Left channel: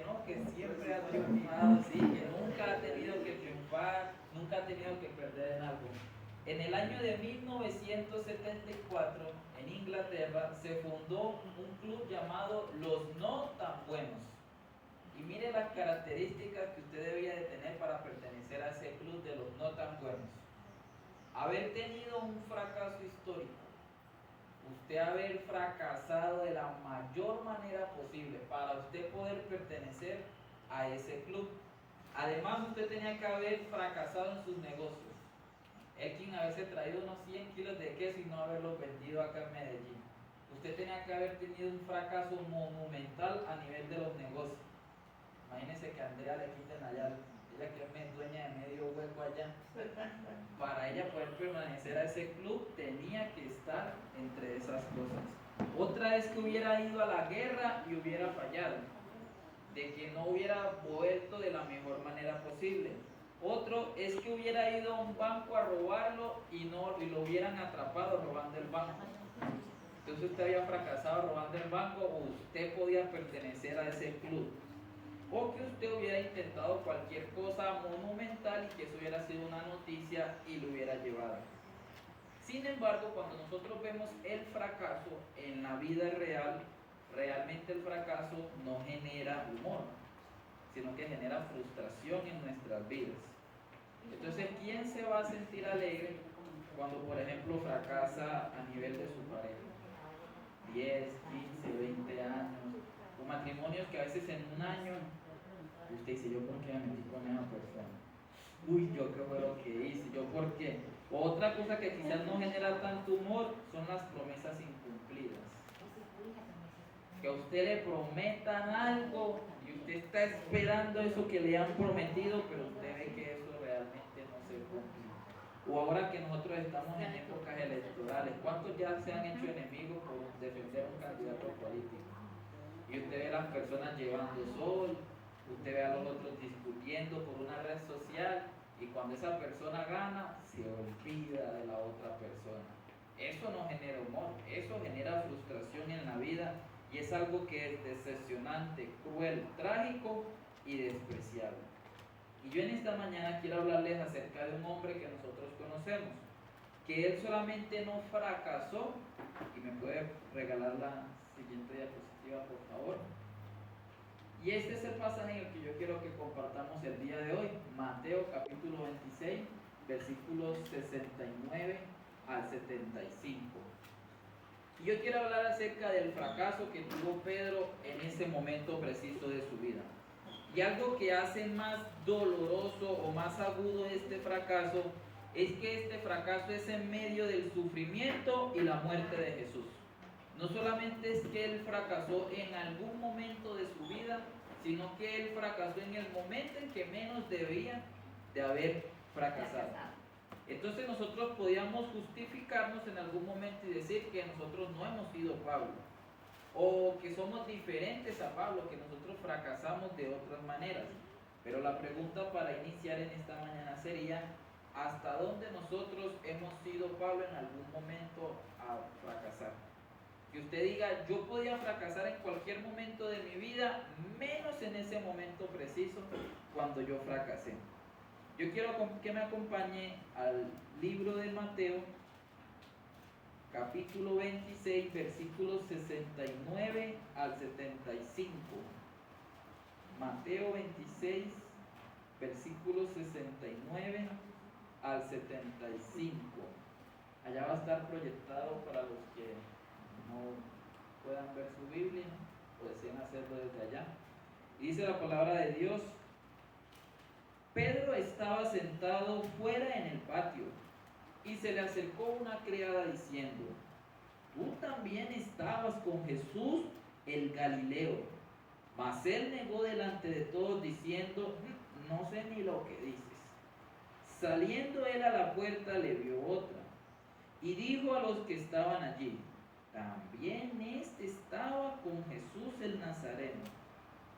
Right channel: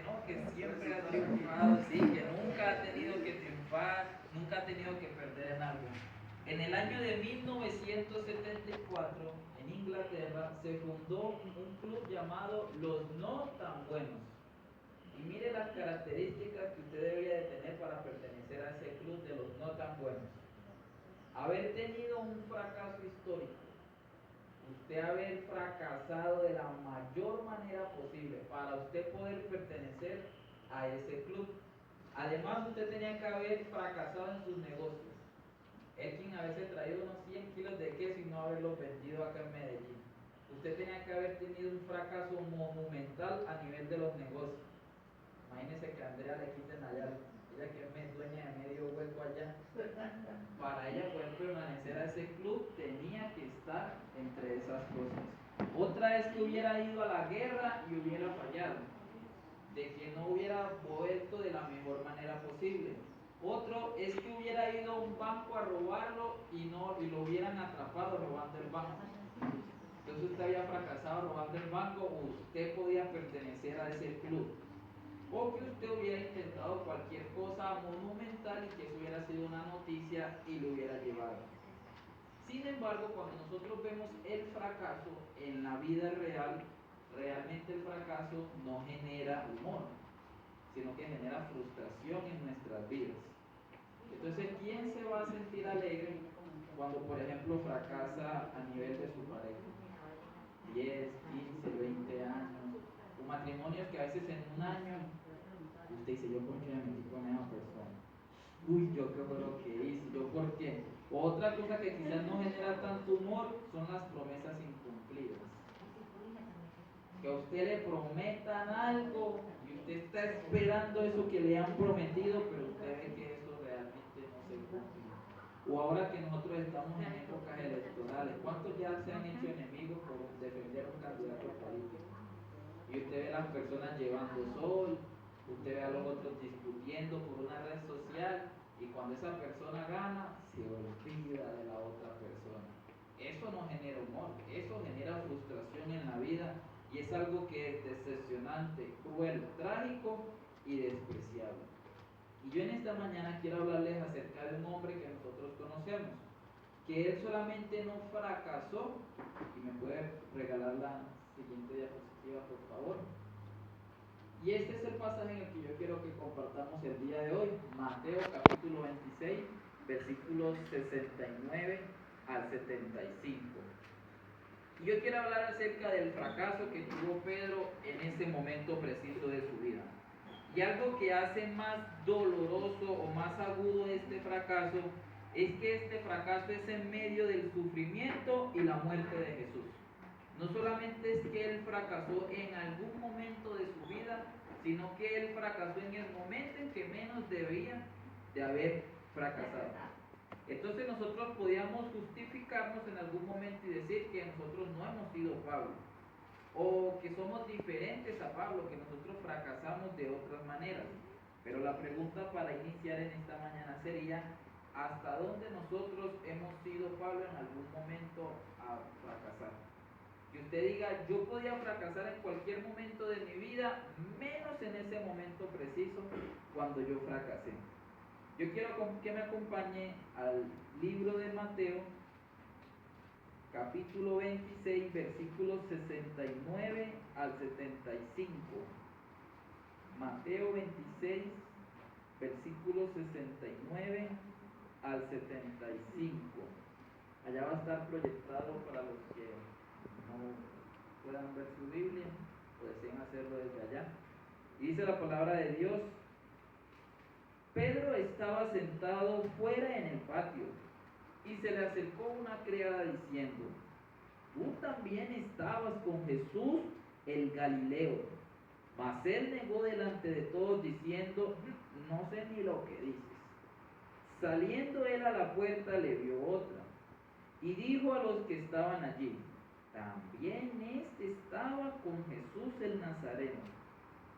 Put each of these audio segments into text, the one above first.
que no, que siempre ha triunfado, sí, que nunca ha tenido que triunfar, nunca ha tenido que perder en algo. En el año de 1974, en Inglaterra, se fundó un club llamado Los No Tan Buenos. Y mire las características que usted debía de tener para pertenecer a ese club de los no tan buenos. Haber tenido un fracaso histórico, usted haber fracasado de la mayor manera posible para usted poder pertenecer a ese club. Además, usted tenía que haber fracasado en sus negocios. Elkin a veces traía unos 100 kilos de queso y no haberlos vendido acá en Medellín. Usted tenía que haber tenido un fracaso monumental a nivel de los negocios. Imagínense que a Andrea le quiten allá, ella que es dueña de medio hueco allá. Para ella poder permanecer a ese club tenía que estar entre esas cosas. Otra es que hubiera ido a la guerra y hubiera fallado, de que no hubiera vuelto de la mejor manera posible. Otro es que hubiera ido a un banco a robarlo y lo hubieran atrapado robando el banco. Entonces usted había fracasado robando el banco, o usted podía pertenecer a ese club. O que usted hubiera intentado cualquier cosa monumental y que eso hubiera sido una noticia y lo hubiera llevado. Sin embargo, cuando nosotros vemos el fracaso en la vida real, realmente el fracaso no genera humor, sino que genera frustración en nuestras vidas. Entonces, ¿quién se va a sentir alegre cuando, por ejemplo, fracasa a nivel de su pareja? 10, 15, 20 años, o matrimonios que a veces en un año usted dice, ¿yo por qué me metí con esa persona? Uy, ¿yo qué fue lo que hice? ¿Yo por qué? Otra cosa que quizás no genera tanto humor son las promesas incumplidas. Que a usted le prometan algo y usted está esperando eso que le han prometido, pero usted ve que eso realmente no se cumple. O ahora que nosotros estamos en épocas electorales, ¿cuántos ya se han hecho enemigos por defender un candidato político? Y usted ve a las personas llevando sol, usted ve a los otros discutiendo por una red social, y cuando esa persona gana, se olvida de la otra persona. Eso no genera humor, eso genera frustración en la vida, y es algo que es decepcionante, cruel, trágico y despreciable. Y yo en esta mañana quiero hablarles acerca de un hombre que nosotros conocemos, que él solamente no fracasó, y me puede regalar la siguiente diapositiva por favor. Y este es el pasaje en el que yo quiero que compartamos el día de hoy, Mateo capítulo 26, versículos 69 al 75. Y yo quiero hablar acerca del fracaso que tuvo Pedro en ese momento preciso de su vida. Y algo que hace más doloroso o más agudo este fracaso es que este fracaso es en medio del sufrimiento y la muerte de Jesús. No solamente es que él fracasó en algún momento de su vida, sino que él fracasó en el momento en que menos debía de haber fracasado. Entonces nosotros podíamos justificarnos en algún momento y decir que nosotros no hemos sido Pablo, o que somos diferentes a Pablo, que nosotros fracasamos de otras maneras. Pero la pregunta para iniciar en esta mañana sería, ¿hasta dónde nosotros hemos sido Pablo en algún momento a fracasar? Que usted diga, yo podía fracasar en cualquier momento de mi vida, menos en ese momento preciso cuando yo fracasé. Yo quiero que me acompañe al libro de Mateo, capítulo 26, versículos 69 al 75. Mateo 26, versículos 69 al 75. Allá va a estar proyectado para los que no puedan ver su Biblia o deseen hacerlo desde allá. Dice la palabra de Dios: Pedro estaba sentado fuera en el patio y se le acercó una criada diciendo: tú también estabas con Jesús el Galileo. Mas él negó delante de todos diciendo: no sé ni lo que dices. Saliendo él a la puerta le vio otra y dijo a los que estaban allí: también este estaba con Jesús el Nazareno.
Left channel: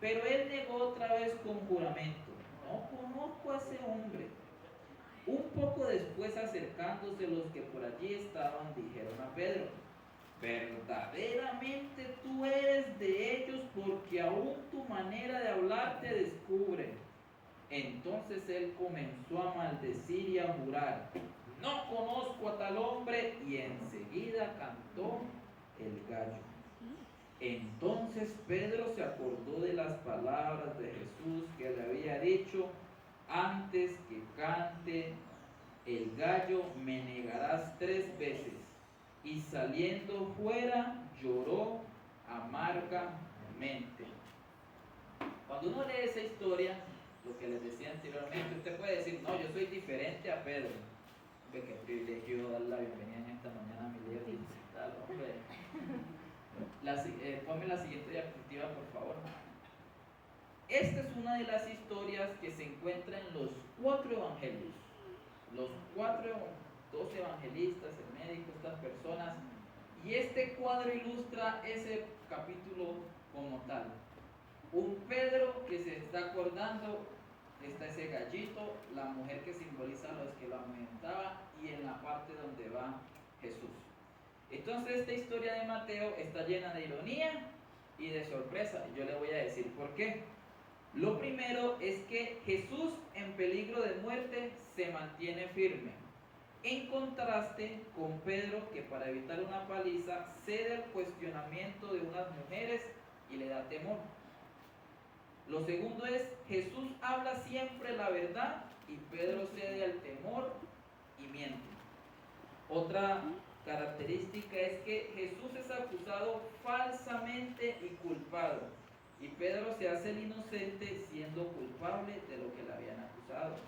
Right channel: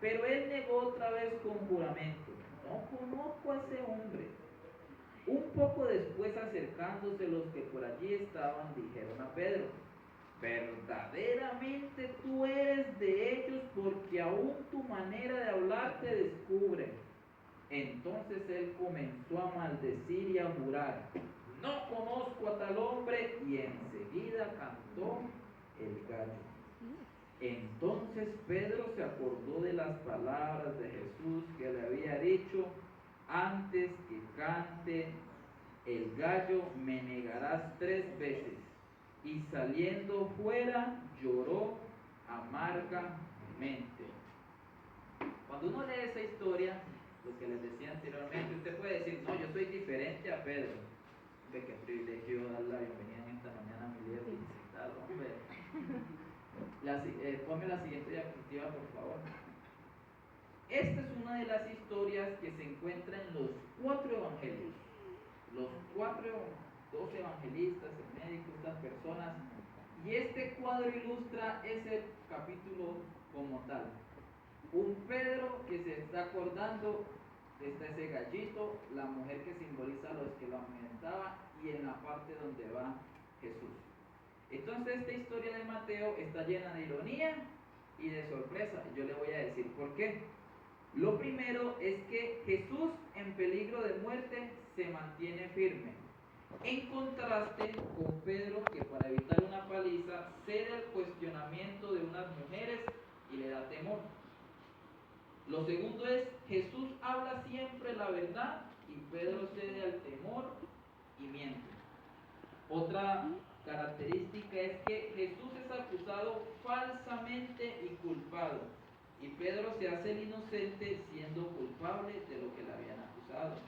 Pero él negó otra vez con juramento: no conozco a ese hombre. Un poco después, acercándose los que por allí estaban, dijeron a Pedro: verdaderamente tú eres de ellos, porque aún tu manera de hablar te descubre. Entonces él comenzó a maldecir y a jurar: no conozco a tal hombre, y enseguida cantó el gallo. Entonces Pedro se acordó de las palabras de Jesús que le había dicho: antes que cante el gallo me negarás 3 veces. Y saliendo fuera lloró amargamente. Cuando uno lee esa historia, lo que les decía anteriormente, usted puede decir: no, yo soy diferente a Pedro. Ve qué privilegio dar la bienvenida en esta mañana a mi líder digital, hombre. Ponme la siguiente diapositiva, por favor. Esta es una de las historias que se encuentra en los 4 evangelios. Los 2 evangelistas, el médico, estas personas. Y este cuadro ilustra ese capítulo como tal. Un Pedro que se está acordando, está ese gallito, la mujer que simboliza a los que lo amamantaba, y en la parte donde va Jesús. Entonces esta historia de Mateo está llena de ironía y de sorpresa. Y yo le voy a decir por qué. Lo primero es que Jesús, en peligro de muerte, se mantiene firme, en contraste con Pedro, que para evitar una paliza cede al cuestionamiento de unas mujeres y le da temor. Lo segundo es: Jesús habla siempre la verdad y Pedro cede al temor y miente. Otra característica es que Jesús es acusado falsamente y culpado, y Pedro se hace el inocente siendo culpable de lo que le habían acusado.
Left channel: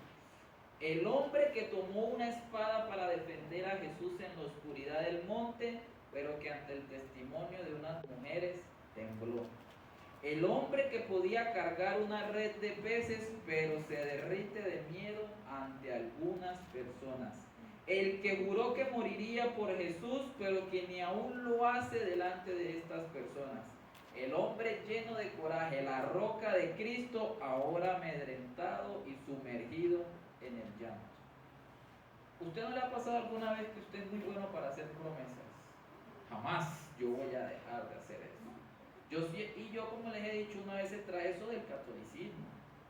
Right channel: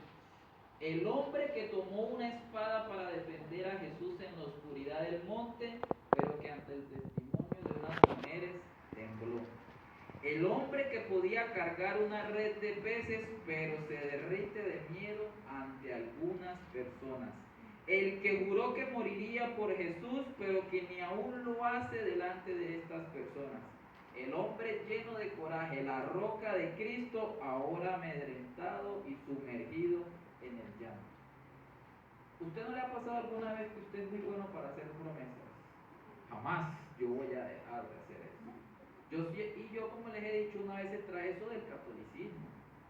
El hombre que tomó una espada para defender a Jesús en la oscuridad del monte, pero que ante el testimonio de unas mujeres tembló. El hombre que podía cargar una red de peces, pero se derrite de miedo ante algunas personas. El que juró que moriría por Jesús, pero que ni aún lo hace delante de estas personas. El hombre lleno de coraje, la roca de Cristo, ahora amedrentado y sumergido en el llanto. ¿Usted no le ha pasado alguna vez que usted es muy bueno para hacer promesas? Jamás yo voy a dejar de hacer eso. Yo, como les he dicho, una vez se trae eso del catolicismo,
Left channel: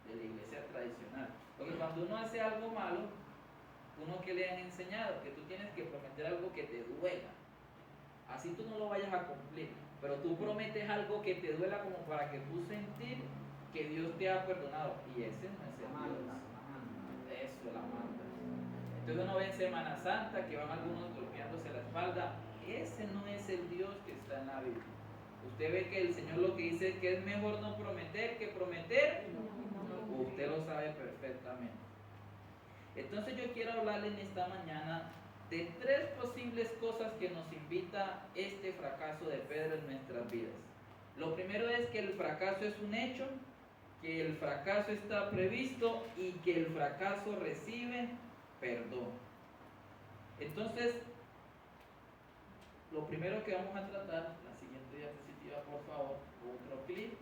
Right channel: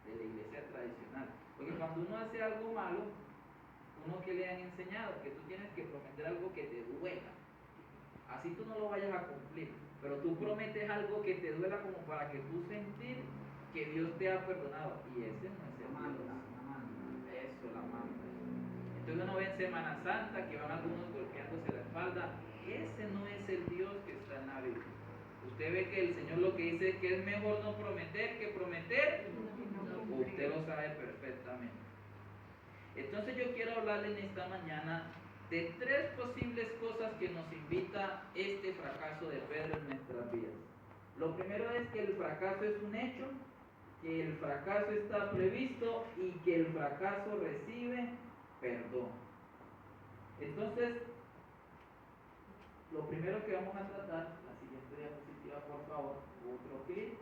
de la iglesia tradicional. Porque cuando uno hace algo malo, uno que le han enseñado, que tú tienes que prometer algo que te duela. Así tú no lo vayas a cumplir, pero tú prometes algo que te duela como para que tú sentir que Dios te ha perdonado. Y ese no es el Dios. Eso, la manda. Entonces uno ve en Semana Santa que van algunos golpeándose la espalda. Ese no es el Dios que está en la Biblia. Usted ve que el Señor lo que dice es que es mejor no prometer que prometer. Usted lo sabe perfectamente. Entonces yo quiero hablarle en esta mañana de 3 posibles cosas que nos invita este fracaso de Pedro en nuestras vidas. Lo primero es que el fracaso es un hecho, que el fracaso está previsto y que el fracaso recibe perdón. Entonces, lo primero que vamos a tratar, la siguiente diapositiva por favor, otro clic,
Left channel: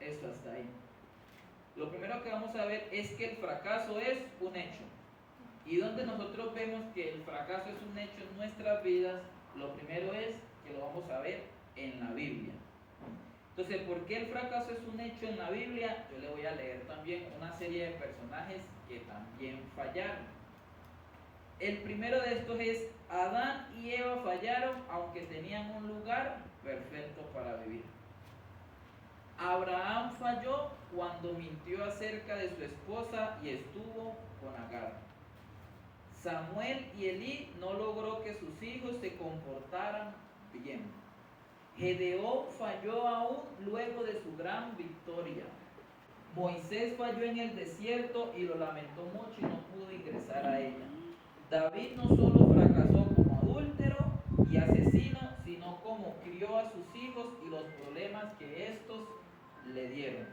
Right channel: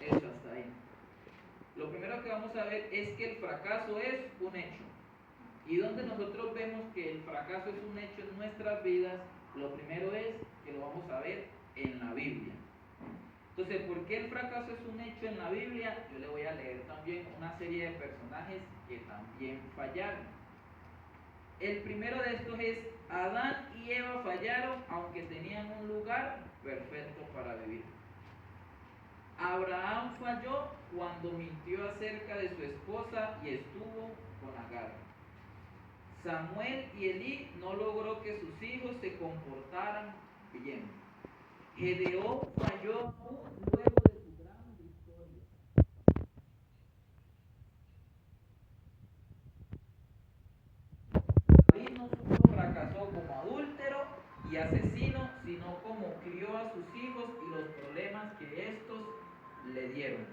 eso hasta ahí. Lo primero que vamos a ver es que el fracaso es un hecho. Y donde nosotros vemos que el fracaso es un hecho en nuestras vidas, lo primero es que lo vamos a ver en la Biblia. Entonces, ¿por qué el fracaso es un hecho en la Biblia? Yo le voy a leer también una serie de personajes que también fallaron. El primero de estos es: Adán y Eva fallaron aunque tenían un lugar perfecto para vivir. Abraham falló cuando mintió acerca de su esposa y estuvo con Agar. Samuel y Elí no logró que sus hijos se comportaran bien. Gedeón falló aún luego de su gran victoria. Moisés falló en el desierto y lo lamentó mucho y no pudo ingresar a ella. David no solo fracasó como adúltero y asesino, sino como crió a sus hijos y los problemas que estos le dieron.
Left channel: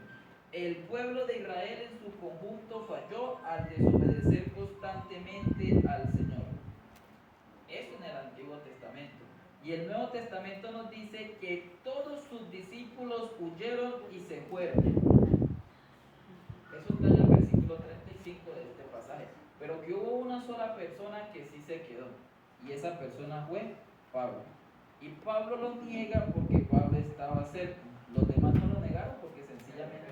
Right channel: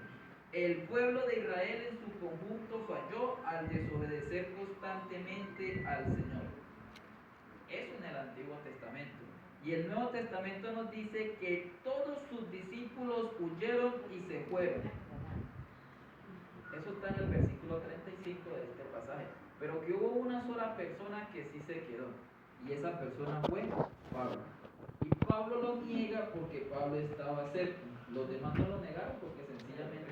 El pueblo de Israel en su conjunto falló al desobedecer constantemente al Señor. Eso en el Antiguo Testamento. Y el Nuevo Testamento nos dice que todos sus discípulos huyeron y se fueron. Eso está en el versículo 35 de este pasaje. Pero que hubo una sola persona que sí se quedó. Y esa persona fue Pablo. Y Pablo lo niega porque Pablo estaba cerca. Los demás no lo negaron porque sencillamente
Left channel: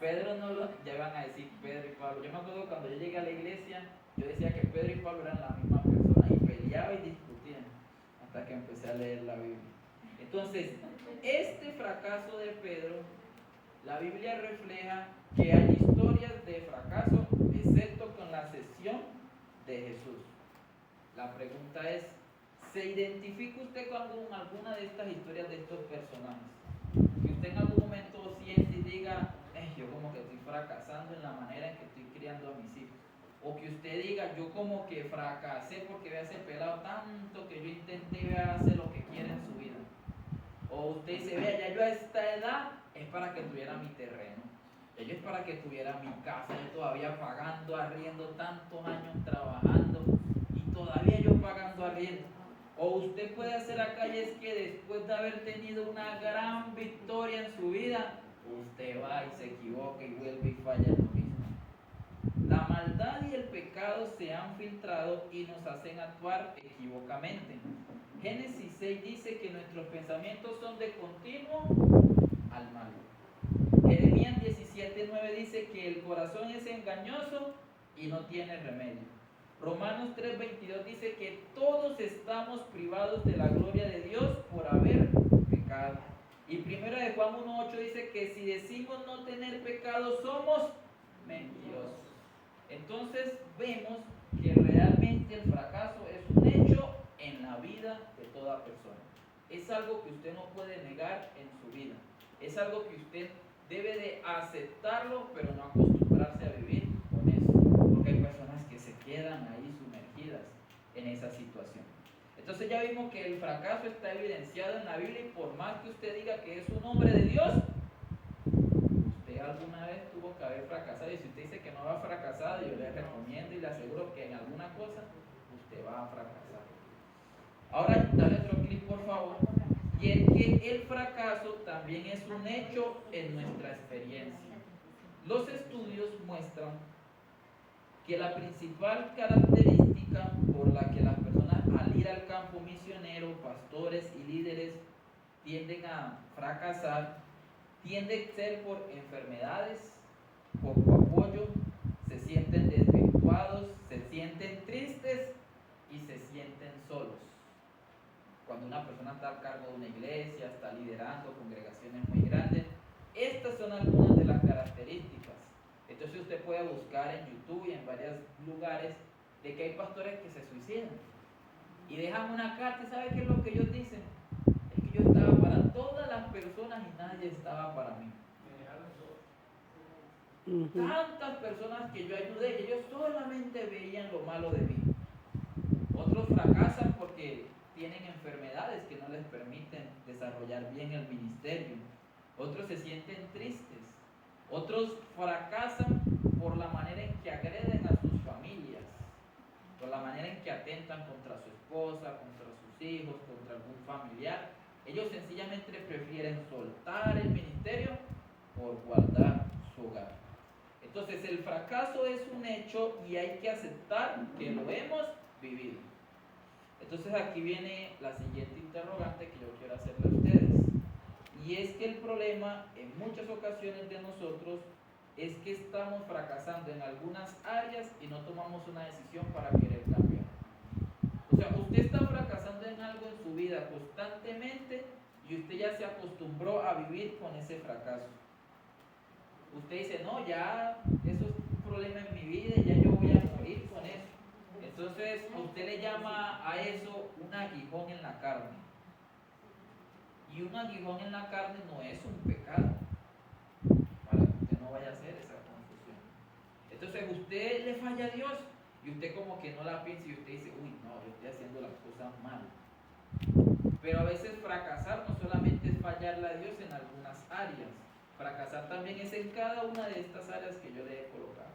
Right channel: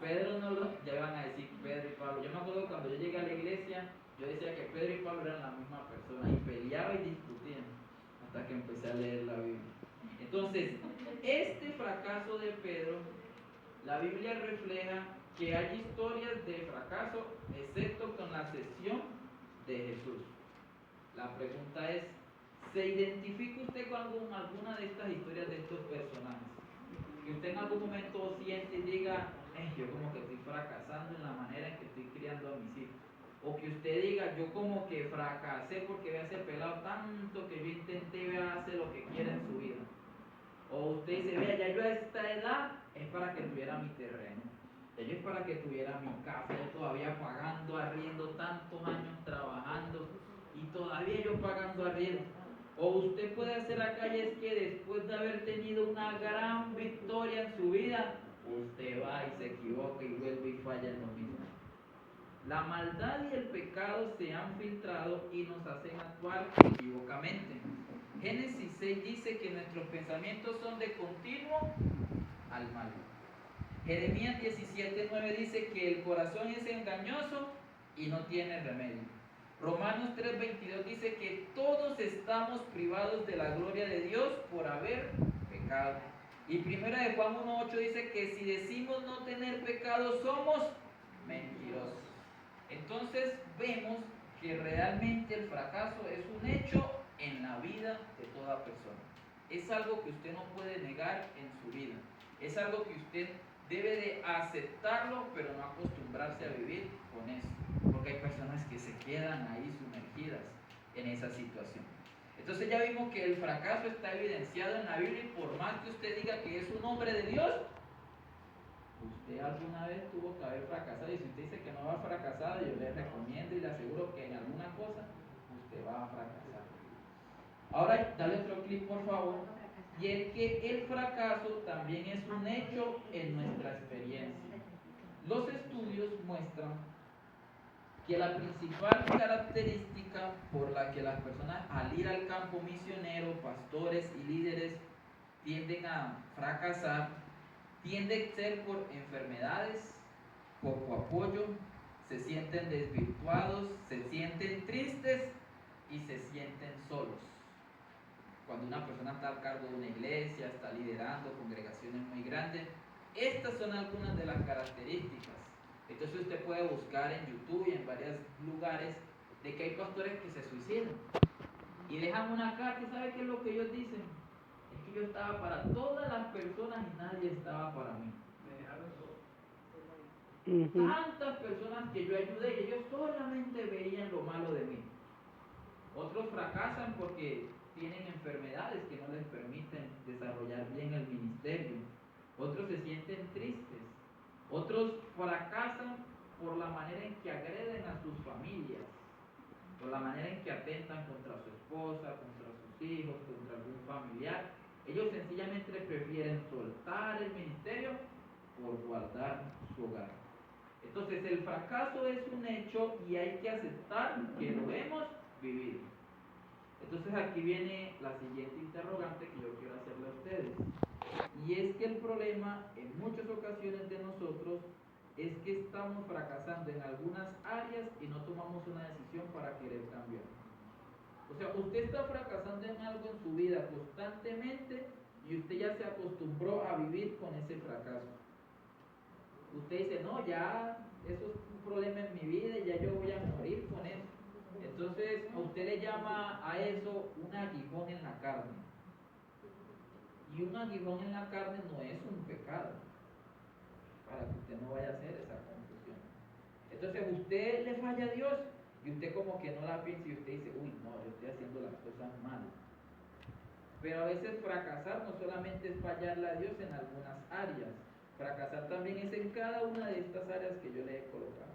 Pedro no lo, ya van a decir Pedro y Pablo. Yo me acuerdo cuando yo llegué a la iglesia, yo decía que Pedro y Pablo eran la misma persona y peleaban y discutían hasta que empecé a leer la Biblia. Entonces, este fracaso de Pedro, la Biblia refleja que hay historias de fracaso, excepto con la excepción de Jesús. La pregunta es, ¿se identifica usted con alguna de estas historias de estos personajes? Que usted en algún momento siente y diga, yo como que estoy fracasando en la manera en que estoy criando a mis hijos. O que usted diga, yo como que fracasé porque vea ese pelado tanto que yo intenté hacer lo que quiere en su vida. O usted dice, vea, ya yo a esta edad es para que tuviera mi terreno. Ya yo es para que tuviera mi casa, yo todavía pagando arriendo, tantos años trabajando y todavía yo pagando arriendo. O usted puede hacer acá y es que después de haber tenido una gran victoria en su vida, usted va y se equivoca y vuelve y falla en lo mismo. La maldad y el pecado se han filtrado y nos hacen actuar equivocamente. Génesis 6 dice que nuestros pensamientos son de continuo al mal. Jeremías 17:9 dice que el corazón es engañoso y no tiene remedio. Romanos 3:22 dice que todos estamos privados de la gloria de Dios por haber pecado. Y 1 de Juan 1:8 dice que si decimos no tener pecado somos mentirosos. Entonces vemos que realmente el fracaso es un hecho en la vida de toda persona. Es algo que usted no puede negar en su vida. Es algo que usted debe de aceptarlo, pero no acostumbrarse a vivir con eso. Porque hay personas que se quedan ahí sumergidas en esa situación. Entonces ya vimos que el fracaso está evidenciado en la Biblia y por más que usted diga que es un hombre de Dios, usted alguna vez tuvo que haber fracasado. Y si usted dice que no va a fracasar, yo le recomiendo y le aseguro que en alguna cosa usted va a fracasar. Ahora dale otro clic por favor. Y es que el fracaso también es un hecho en nuestra experiencia. Los estudios muestran que la principal característica por la que las personas al ir al campo misionero, pastores y líderes tienden a fracasar, tiende a ser por enfermedades, poco apoyo, se sienten desvirtuados, se sienten tristes y se sienten solos. Cuando una persona está a cargo de una iglesia, está liderando congregaciones muy grandes, estas son algunas de las características. Entonces usted puede buscar en YouTube y en varios lugares de que hay pastores que se suicidan y dejan una carta. ¿Y sabe qué es lo que ellos dicen? Es que yo estaba para todas las personas y nadie estaba para mí. Tantas personas que yo ayudé y ellos solamente veían lo malo de mí. Otros fracasan porque tienen enfermedades que no les permiten desarrollar bien el ministerio. Otros se sienten tristes. Otros fracasan por la manera en que agreden a sus familias, por la manera en que atentan contra su esposa, contra sus hijos, contra algún familiar. Ellos sencillamente prefieren soltar el ministerio por guardar su hogar. Entonces el fracaso es un hecho y hay que aceptar que lo hemos vivido. Entonces aquí viene la siguiente interrogante que yo quiero hacerle a ustedes. Y es que el problema en muchas ocasiones de nosotros es que estamos fracasando en algunas áreas y no tomamos una decisión para querer cambiar. O sea, usted está fracasando en algo en su vida constantemente y usted ya se acostumbró a vivir con ese fracaso. Usted dice, no, ya eso es un problema en mi vida y ya yo voy a morir con eso. Entonces usted le llama a eso un aguijón en la carne. Y un aguijón en la carne no es un pecado, para que usted no vaya a hacer esa confusión. Entonces usted le falla a Dios y usted como que no la piensa y usted dice, uy, no, yo estoy haciendo las cosas mal. Pero a veces fracasar no solamente es fallarle a Dios en algunas áreas, fracasar también es en cada una de estas áreas que yo le he colocado.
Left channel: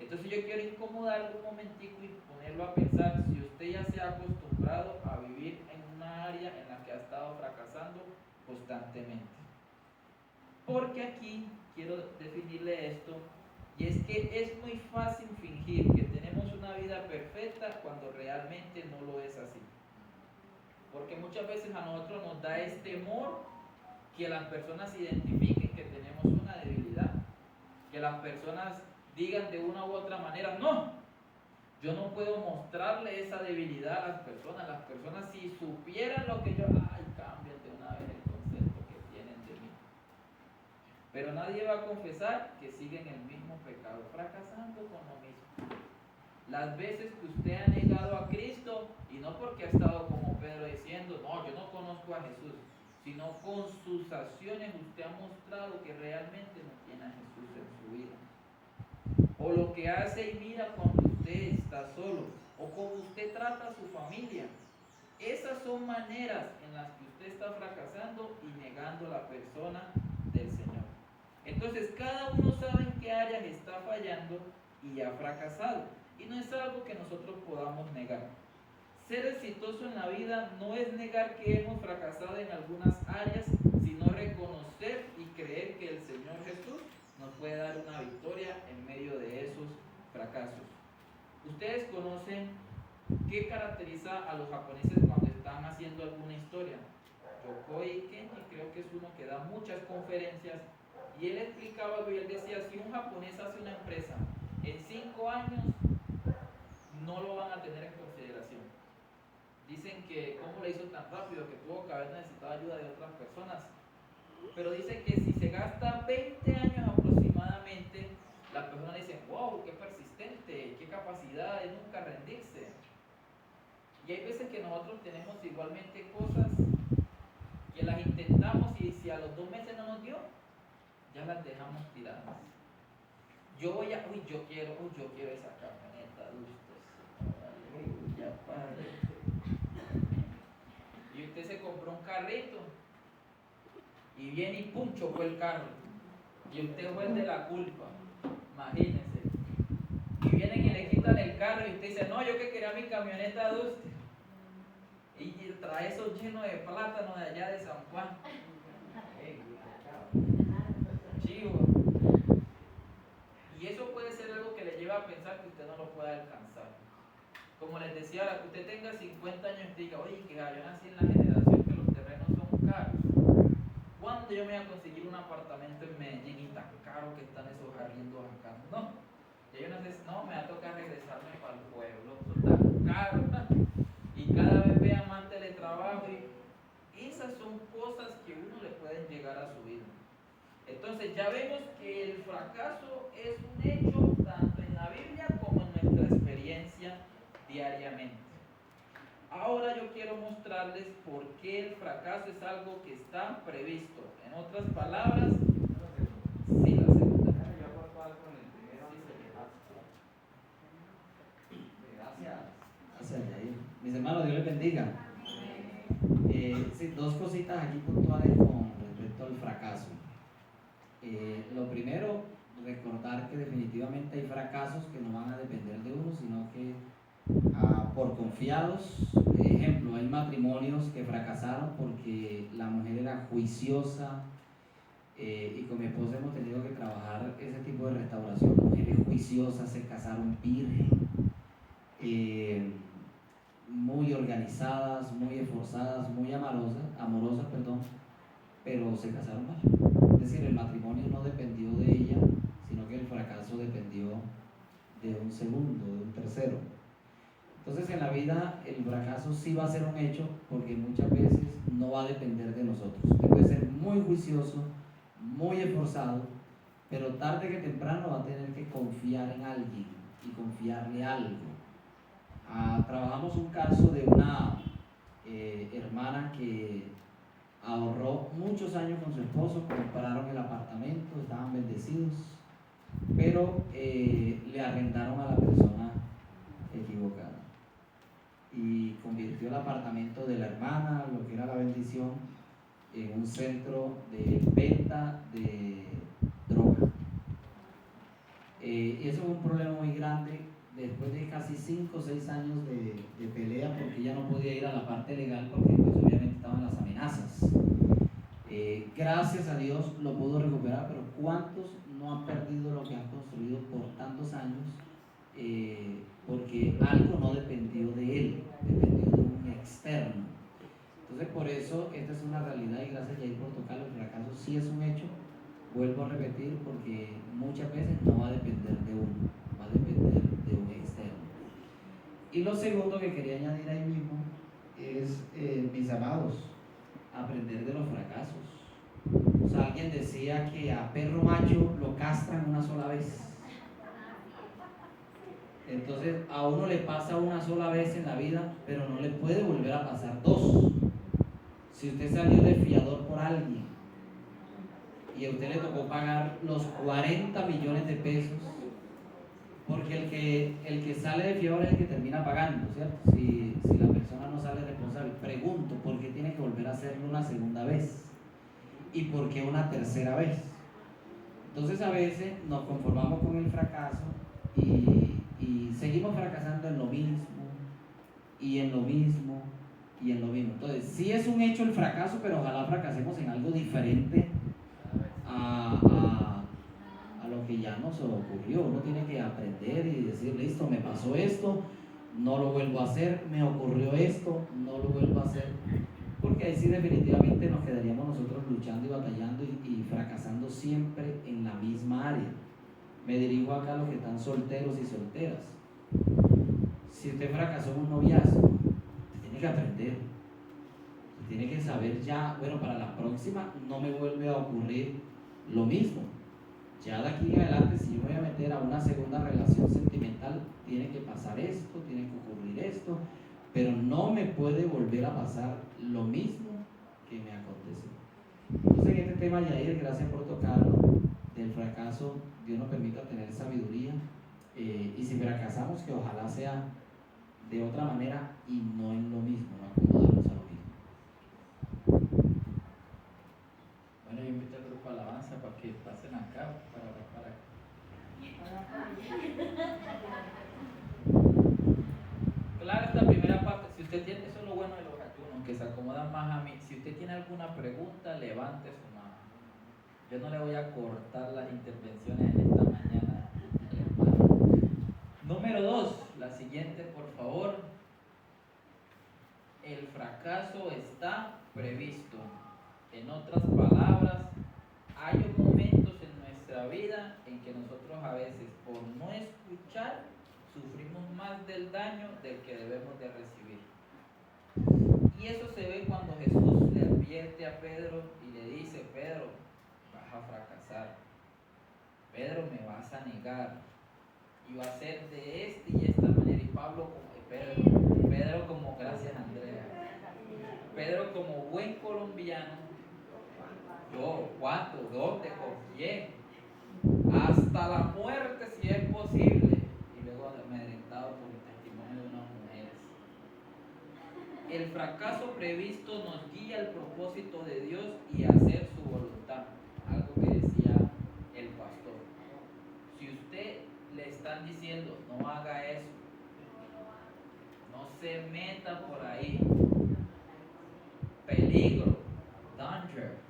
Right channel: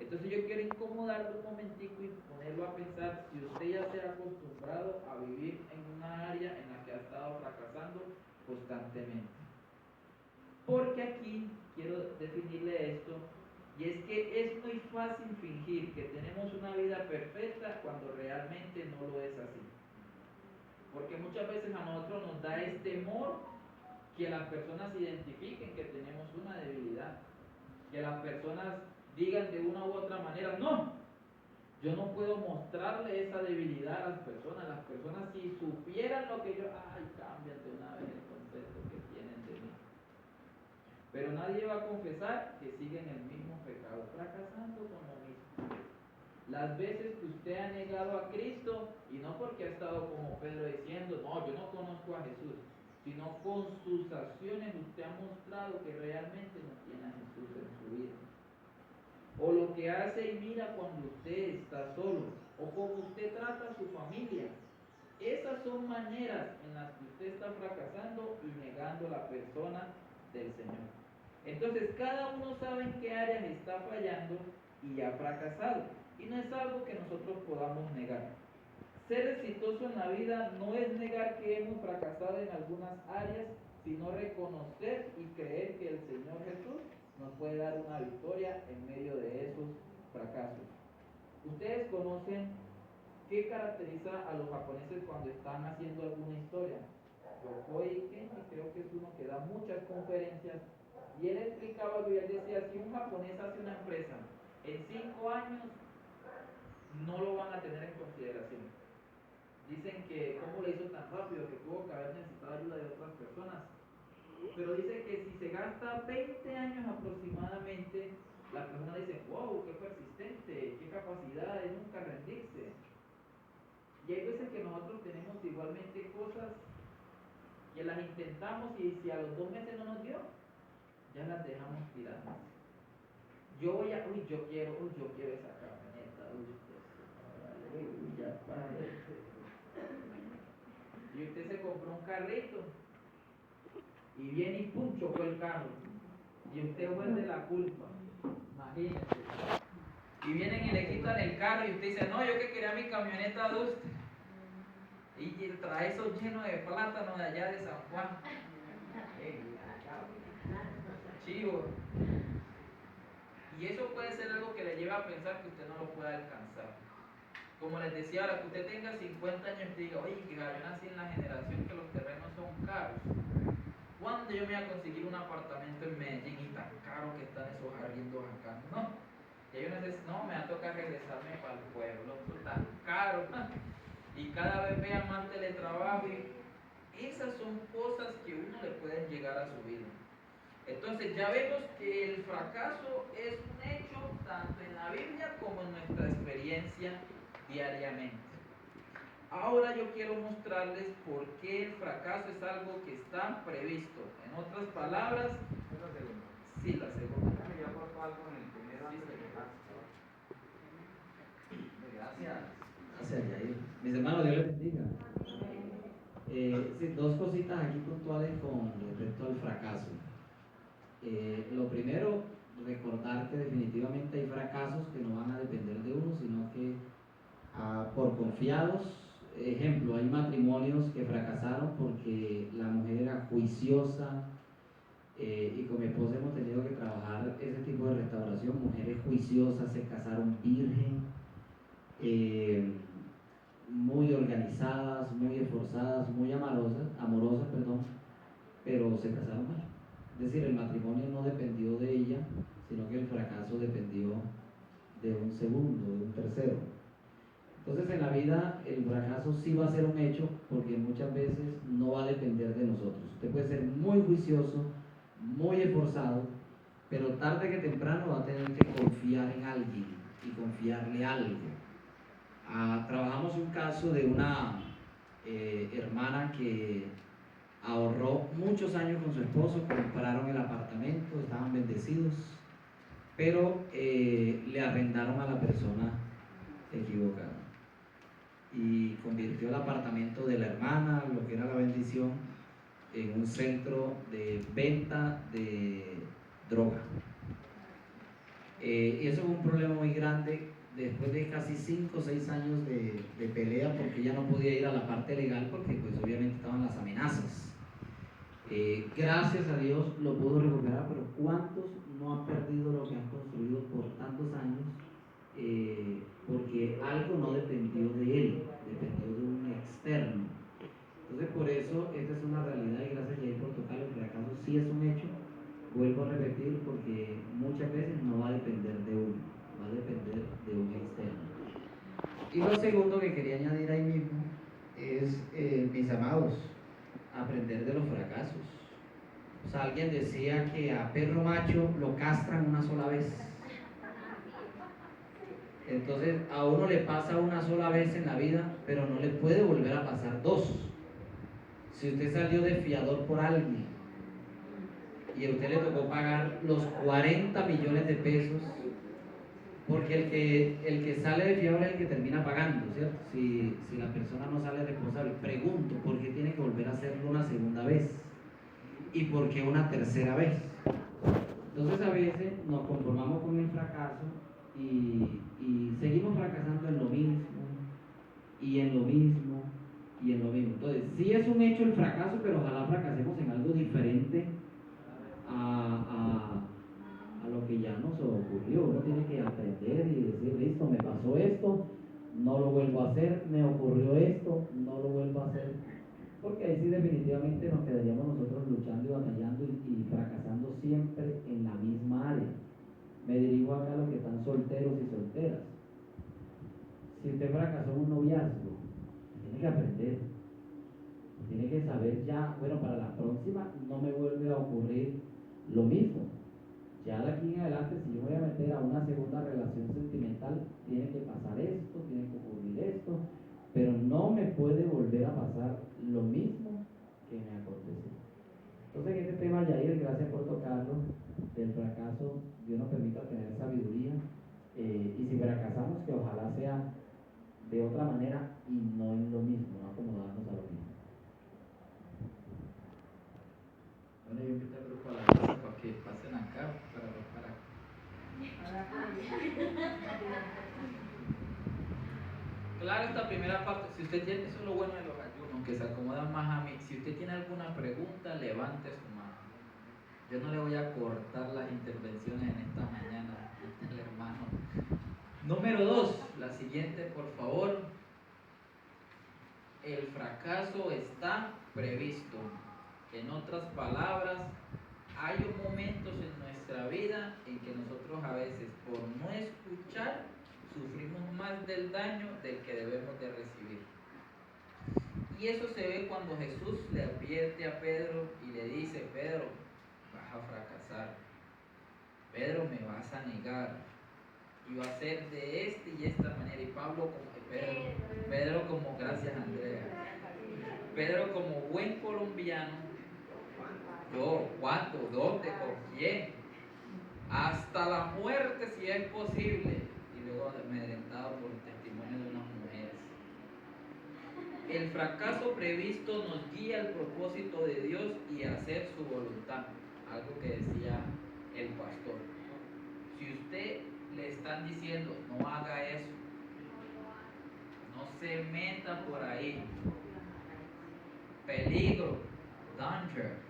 Entonces yo quiero incomodarlo un momentico y ponerlo a pensar si usted ya se ha acostumbrado a vivir en una área en la que ha estado fracasando constantemente. Porque aquí quiero definirle esto, y es que es muy fácil fingir que tenemos una vida vida perfecta cuando realmente no lo es así. Porque muchas veces a nosotros nos da temor que las personas identifiquen que tenemos una debilidad, que las personas digan de una u otra manera, no, yo no puedo mostrarle esa debilidad a las personas si supieran lo que yo, cambian de una vez el concepto que tienen de mí. Pero nadie va a confesar que siguen el mismo pecado, fracasando con lo mismo. Las veces que usted ha negado a Cristo, y no porque ha estado como Pedro diciendo, no, yo no conozco a Jesús, sino con sus acciones usted ha mostrado que realmente no tiene a Jesús en su vida. O lo que hace y mira cuando usted está solo, o cómo usted trata a su familia. Esas son maneras en las que usted está fracasando y negando la persona del Señor. Entonces cada uno sabe en qué áreas está fallando y ha fracasado. Y no es algo que nosotros podamos negar. Ser exitoso en la vida no es negar que hemos fracasado en algunas áreas, sino reconocer y creer que el Señor Jesús nos puede dar una victoria en medio de esos fracasos. Ustedes conocen qué caracteriza a los japoneses cuando están haciendo alguna historia. Yokoi Kenji creo que es uno que da muchas conferencias y él explicaba algo y él decía, si un japonés hace una empresa en 5 años no lo van a tener en consideración. Dicen que cómo le hizo tan rápido, que tuvo que haber necesitado ayuda de otras personas. Pero dicen que si se gasta 20 años aproximadamente, la persona dice, wow, qué persistente, qué capacidad de nunca rendirse. Y hay veces que nosotros tenemos igualmente cosas que las intentamos y si a los 2 meses no nos dio, ya las dejamos tiradas. Yo quiero esa camioneta, aleluya, Padre. Y usted se compró un carrito y viene y pum, chocó el carro. Y usted fue el de la culpa, imagínese. Y vienen y le quitan el carro y usted dice, no, yo que quería mi camioneta de usted. Y trae eso lleno de plátano de allá de San Juan. Chivo. Y eso puede ser algo que le lleva a pensar que usted no lo puede alcanzar. Como les decía, ahora que usted tenga 50 años y diga, oye, que yo nací en la generación que los terrenos son caros. ¿Cuándo yo me voy a conseguir un apartamento en Medellín y tan caro que están esos arriendos acá? No. Ya yo no, me va a tocar regresarme para el pueblo, eso es tan caro. Y cada vez vean más teletrabajo. Y esas son cosas que uno le pueden llegar a su vida. Entonces ya vemos que el fracaso es un hecho tanto en la Biblia como en nuestra experiencia diariamente. Ahora yo quiero mostrarles por qué el fracaso es algo que está previsto. En otras palabras, sí, la segunda. Yo aporto algo con el primero. Gracias, Yair. Mis hermanos, Dios les bendiga. Sí, 2 cositas aquí puntuales con respecto al fracaso. Lo primero, recordar que definitivamente hay fracasos que no van a depender de uno, sino que por confiados. Ejemplo, hay matrimonios que fracasaron porque la mujer era juiciosa, y con mi esposa hemos tenido que trabajar ese tipo de restauración. Mujeres juiciosas se casaron virgen, muy organizadas, muy esforzadas, muy amorosas, pero se casaron mal. Es decir, el matrimonio no dependió de ella, sino que el fracaso dependió de un segundo, de un tercero. Entonces en la vida el fracaso sí va a ser un hecho, porque muchas veces no va a depender de nosotros. Usted puede ser muy juicioso, muy esforzado, pero tarde que temprano va a tener que confiar en alguien y confiarle algo. Trabajamos un caso de una hermana que ahorró muchos años con su esposo, compraron el apartamento, estaban bendecidos, pero le arrendaron a la persona equivocada y convirtió el apartamento de la hermana, lo que era la bendición, en un centro de venta de droga. Y eso fue un problema muy grande después de casi 5 o 6 años de pelea, porque ella no podía ir a la parte legal porque pues obviamente estaban las amenazas. Gracias a Dios lo pudo recuperar, pero ¿cuántos no han perdido lo que han construido por tantos años? Porque porque algo no dependió de él, dependió de un externo. Entonces por eso esta es una realidad y gracias Jair por tocarlo. El fracaso sí es un hecho, vuelvo a repetir, porque muchas veces no va a depender de uno, va a depender de un externo. Y lo segundo que quería añadir ahí mismo es, mis amados, aprender de los fracasos. O sea, alguien decía que a perro macho lo castran una sola vez. Entonces a uno le pasa una sola vez en la vida, pero no le puede volver a pasar dos. Si usted salió de fiador por alguien y a usted le tocó pagar los 40 millones de pesos, porque el que sale de fiador es el que termina pagando, ¿cierto? Si la persona no sale responsable. Pregunto, ¿por qué tiene que volver a hacerlo una segunda vez? ¿Y por qué una tercera vez? Entonces a veces nos conformamos con el fracaso y seguimos fracasando en lo mismo, y en lo mismo, y en lo mismo. Entonces, sí es un hecho el fracaso, pero ojalá fracasemos en algo diferente a lo que ya nos ocurrió. Uno tiene que aprender y decir, listo, me pasó esto, no lo vuelvo a hacer, me ocurrió esto, no lo vuelvo a hacer. Porque ahí sí definitivamente nos quedaríamos nosotros luchando y batallando y fracasando siempre en la misma área. Me dirijo acá a los que están solteros y solteras. Si usted fracasó en un noviazgo, usted tiene que aprender. Usted tiene que saber ya, bueno, para la próxima no me vuelve a ocurrir lo mismo. Ya de aquí en adelante, si yo me voy a meter a una segunda relación sentimental, tiene que pasar esto, tiene que ocurrir esto, pero no me puede volver a pasar lo mismo que me aconteció. Entonces en este tema, Yair, gracias por tocarlo, del fracaso, Dios nos permita tener sabiduría, y si fracasamos, que ojalá sea de otra manera y no en lo mismo, no acomodarnos a lo mismo. Bueno, yo invito al grupo a la mesa para que pasen acá, para Claro, esta primera parte, si usted tiene, eso es lo bueno de los ayunos, que se acomodan más a mí. Si usted tiene alguna pregunta, levante su mano. Yo no le voy a cortar las intervenciones en esta mañana, hermano. Número 2, la siguiente, por favor. El fracaso está previsto. En otras palabras, hay momentos en nuestra vida en que nosotros a veces, por no escuchar, sufrimos más del daño del que debemos de recibir. Y eso se ve cuando Jesús le advierte a Pedro y le dice, Pedro, vas a fracasar. Pedro, me vas a negar. Y va a ser de esta y esta manera. Y Pedro como, gracias Andrea, Pedro como buen colombiano, yo, ¿cuánto? ¿Dónde? ¿Con quién? Hasta la muerte si es posible. Y luego amedrentado por el testimonio de unas mujeres. El fracaso previsto nos guía al propósito de Dios y a hacer su voluntad. Algo que decía el pastor. Si usted le están diciendo no haga eso, no se meta por ahí, peligro, danger.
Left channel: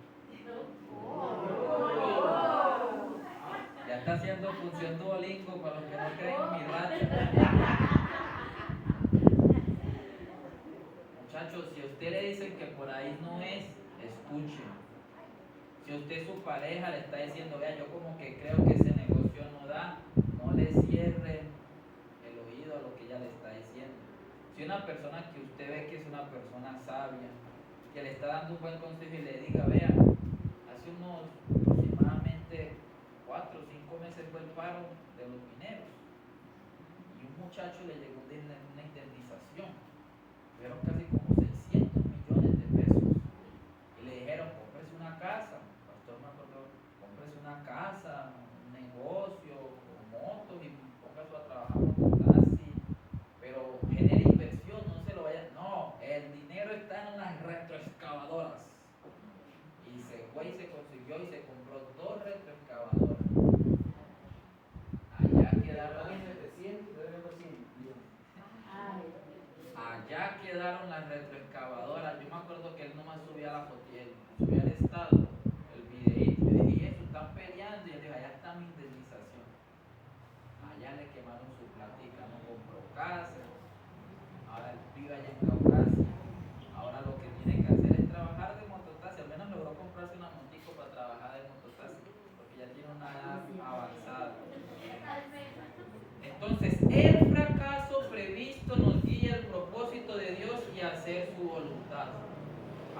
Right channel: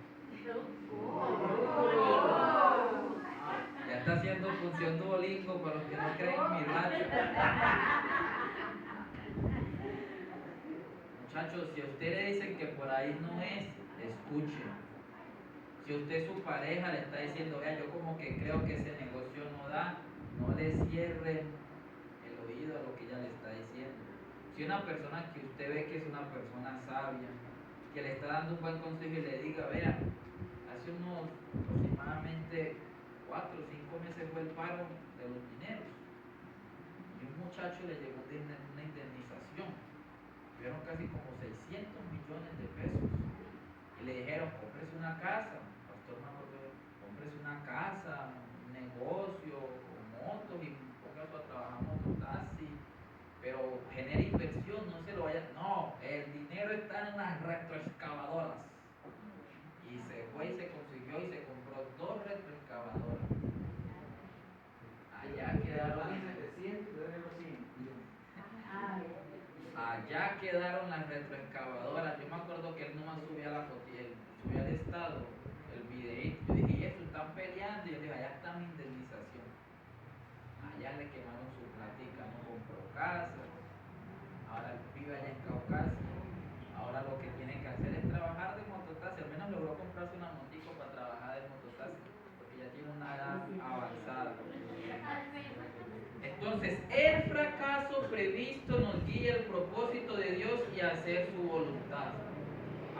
Ya está haciendo función Duolingo para los que no creen en mi racha. Muchachos, si a usted le dicen que por ahí no es, escuchen. Si usted su pareja le está diciendo, vea, yo como que creo que ese negocio no da, no le cierre el oído a lo que ella le está diciendo. Si una persona que usted ve que es una persona sabia, que le está dando un buen consejo y le diga, vea, hace unos aproximadamente 4 o 5 meses fue el paro de los mineros y un muchacho le llegó una indemnización, tuvieron casi como 600 millones de pesos y le dijeron, cómprese una casa, pastor me acordó, cómprese una casa, un negocio, motos y póngase a trabajar mototaxi, pero genere inversión, no se lo vaya, no, el dinero está en las retroexcavadoras. Y se fue y se consiguió y se compró 2 retroexcavadoras. Allá quedaron las retroexcavadoras. Yo me acuerdo que él nomás subía la foto, subía el estado, el videito, y dije, eso están peleando, y él dijo, allá está mi indemnización. Allá le quemaron su platica, no compró casa,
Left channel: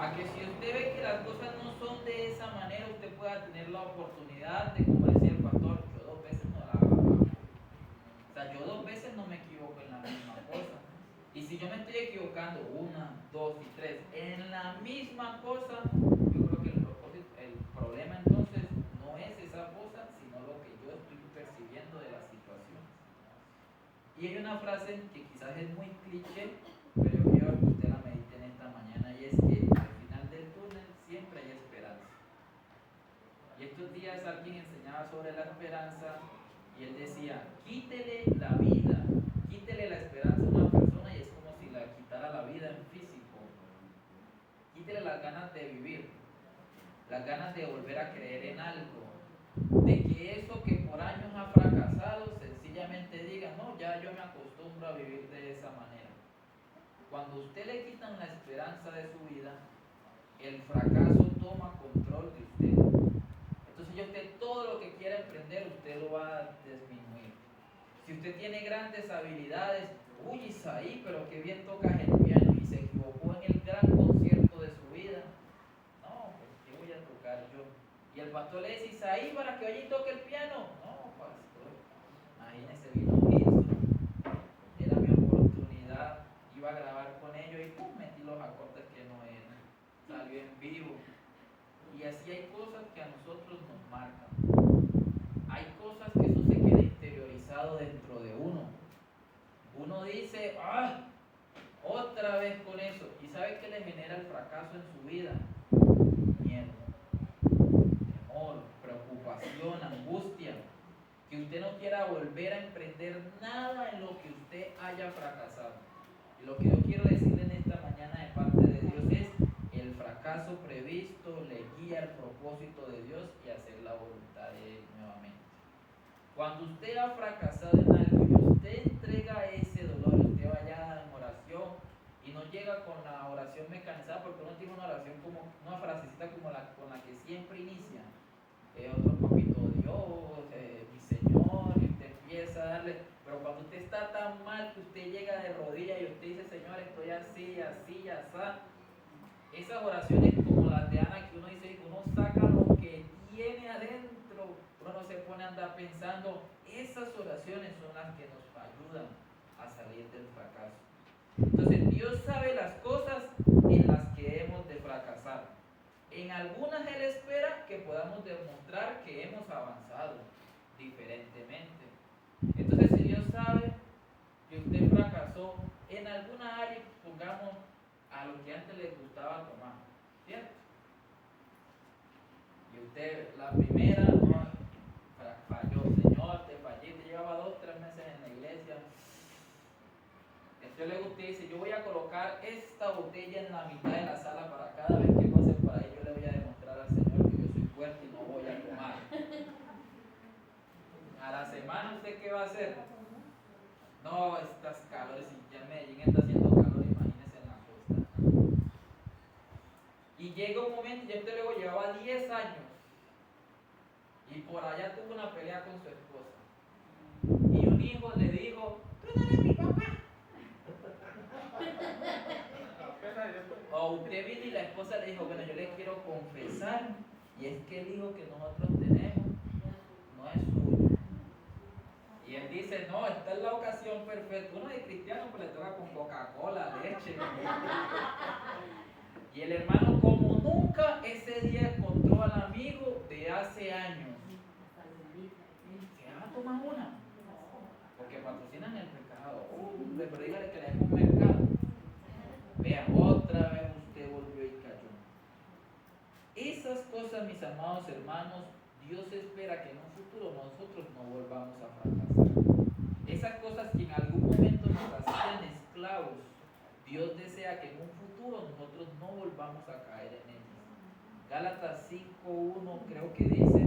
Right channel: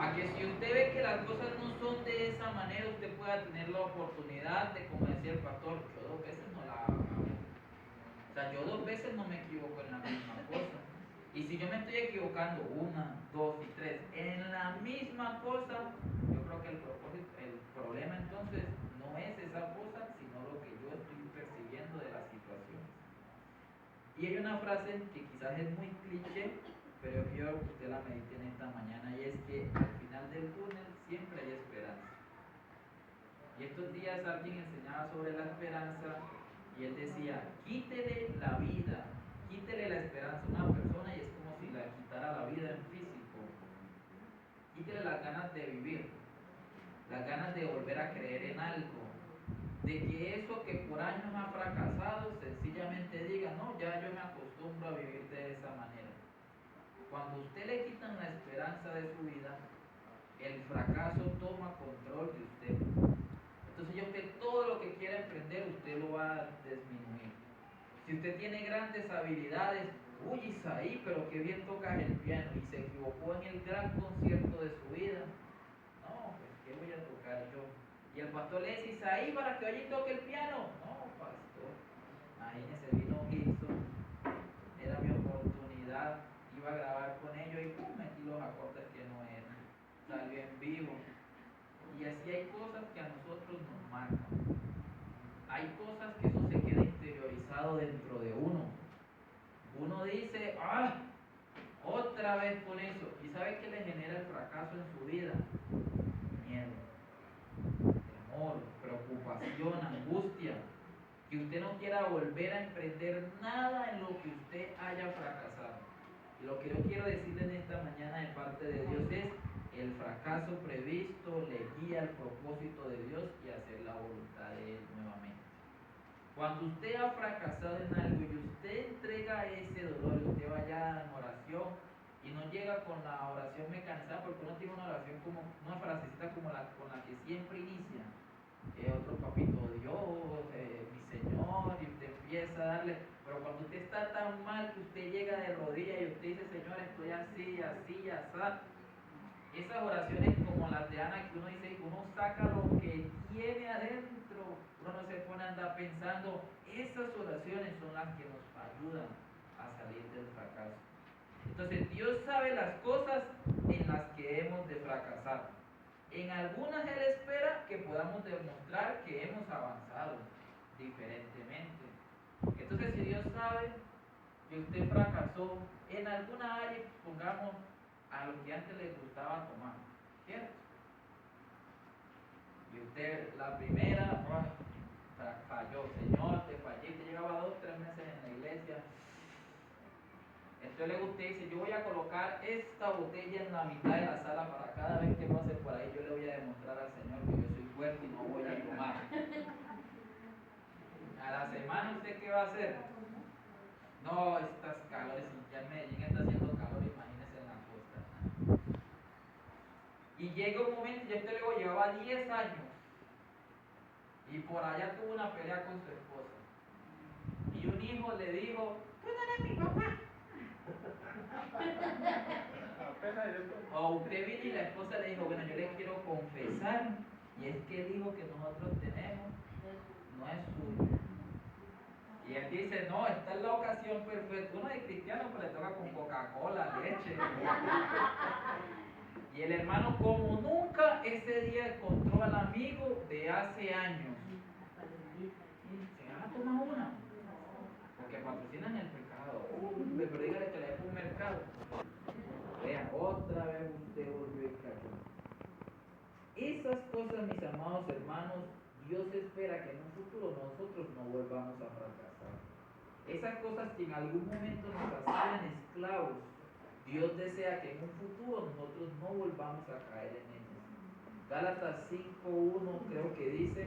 A que si usted ve que las cosas no son de esa manera, usted pueda tener la oportunidad de, como decía el pastor, yo 2 veces no la hago. O sea, yo 2 veces no me equivoco en la misma cosa. Y si yo me estoy equivocando 1, 2 y 3 en la misma cosa, yo creo que el problema entonces no es esa cosa, sino lo que yo estoy percibiendo de la situación. Y hay una frase que quizás es muy cliché, pero yo quiero que usted la medite en esta mañana, y es que al final del túnel siempre hay esperanza. Y estos días alguien enseñaba sobre la esperanza y él decía, quítele la vida, quítele la esperanza a una persona y es como si le quitara la vida en físico. Quítele las ganas de vivir, las ganas de volver a creer en algo, de que eso que por años ha fracasado sencillamente diga, no, ya yo me acostumbro a vivir de esa manera. Cuando usted le quitan la esperanza de su vida, el fracaso toma control de usted. Entonces ya usted todo lo que quiera emprender, usted lo va a disminuir. Si usted tiene grandes habilidades, uy Isaí, pero qué bien tocas el piano y se equivocó en el gran concierto de su vida. No, pues ¿qué voy a tocar yo? Y el pastor le dice, Isaí, para que oye y toque el piano. No, pastor, imagínese, vino Gibson, era mi oportunidad, iba a grabar con ellos y pum, metí los acordes que no eran, salió en vivo. Y así hay cosas que a nosotros nos marcan. Hay cosas que eso se queda interiorizado dentro de uno. Uno dice, ¡ah! Otra vez con eso. ¿Y sabe qué le genera el fracaso en su vida? Miedo, temor, preocupación, angustia. Que usted no quiera volver a emprender nada en lo que usted haya fracasado. Y lo que yo quiero decirle en esta mañana de parte de Dios es, el fracaso previsto le guía el propósito de Dios y hacer la voluntad de Él nuevamente. Cuando usted ha fracasado en algo y usted entrega ese dolor, usted vaya en oración y no llega con la oración mecanizada, porque uno tiene una oración como una frasecita como con la que siempre inicia. Otro papito Dios, mi Señor, y usted empieza a darle, pero cuando usted está tan mal que usted llega de rodillas y usted dice, Señor, estoy así, así, así. Esas oraciones como las de Ana que uno dice, uno saca lo que tiene adentro, uno no se pone a andar pensando, esas oraciones son las que nos ayudan a salir del fracaso. Entonces Dios sabe las cosas en las que hemos de fracasar. En algunas Él espera que podamos demostrar que hemos avanzado diferentemente. Entonces si Dios sabe que usted fracasó en alguna área, pongamos a lo que antes les gustaba tomar, ¿cierto? Y usted, la primera, falló, Señor, te fallé, te llevaba 2 o 3 meses en la iglesia. Entonces luego usted dice, yo voy a colocar esta botella en la mitad de la sala para cada vez que pase por ahí, yo le voy a demostrar al Señor que yo soy fuerte y no voy a tomar. A la semana, ¿usted qué va a hacer? No, estas calores, ya en Medellín está haciendo calor, imagínese en la costa. Y llega un momento, ya usted luego llevaba 10 años y por allá tuvo una pelea con su esposa. Y un hijo le dijo, tú no eres mi papá. O usted vino y la esposa le dijo, bueno, yo le quiero confesar, y es que el hijo que nosotros tenemos no es suyo. Y él dice, no, esta es la ocasión perfecta. Uno de cristiano pues le toca con Coca-Cola, leche. Y el hermano como nunca ese día encontró al amigo de hace años. ¿Se va a tomar una? Porque patrocinan el pecado. Pero dígale que le dejo un mercado. Vea, otra vez usted volvió y cayó. Esas cosas, mis amados hermanos, Dios espera que en un futuro nosotros no volvamos a fracasar. Esas cosas que en algún momento nos hacían esclavos, Dios desea que en un futuro nosotros no volvamos a caer en ellas. Gálatas 5:1 creo que dice,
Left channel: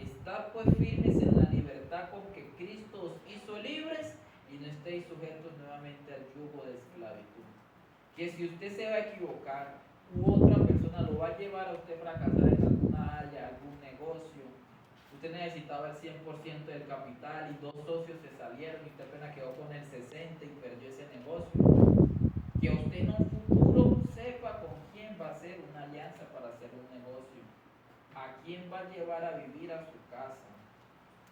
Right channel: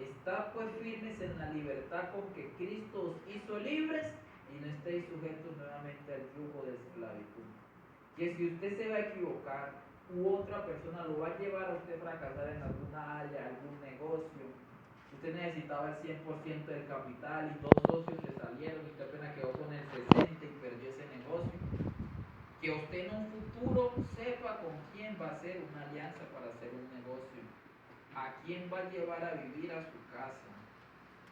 estad pues firmes en la libertad con que Cristo os hizo libres y no estéis sujetos nuevamente al yugo de esclavitud. Que si usted se va a equivocar u otra persona lo va a llevar a usted a fracasar en alguna área, algún negocio, usted necesitaba el 100% del capital y 2 socios se salieron y usted apenas quedó con el 60% y perdió ese negocio. Que usted en un futuro sepa con quién va a hacer una quién va a llevar a vivir a su casa,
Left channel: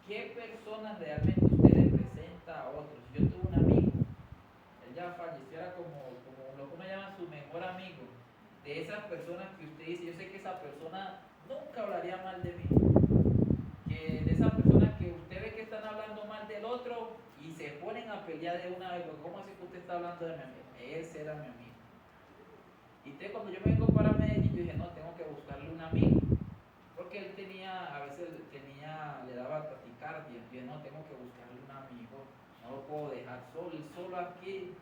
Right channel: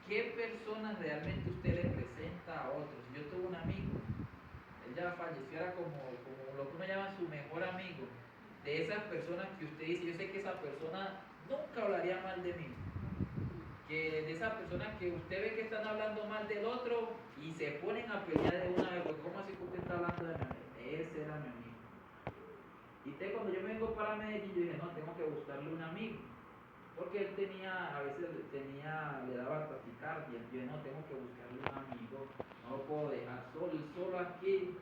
qué personas realmente usted le presenta a otros. Yo tuve un amigo, él ya falleció, era como lo que uno llama su mejor amigo, de esas personas que usted dice, yo sé que esa persona nunca hablaría mal de mí, que de esas personas que usted ve que están hablando mal del otro y se ponen a pelear de una vez, pues ¿cómo así que usted está hablando de mi amigo? Ese era mi amigo. Y entonces cuando yo me vengo para Medellín, yo dije, no, tengo que buscarle un amigo, porque él tenía, a veces le daba taquicardia. Yo dije, no, tengo que buscarle un amigo, no lo puedo dejar solo aquí.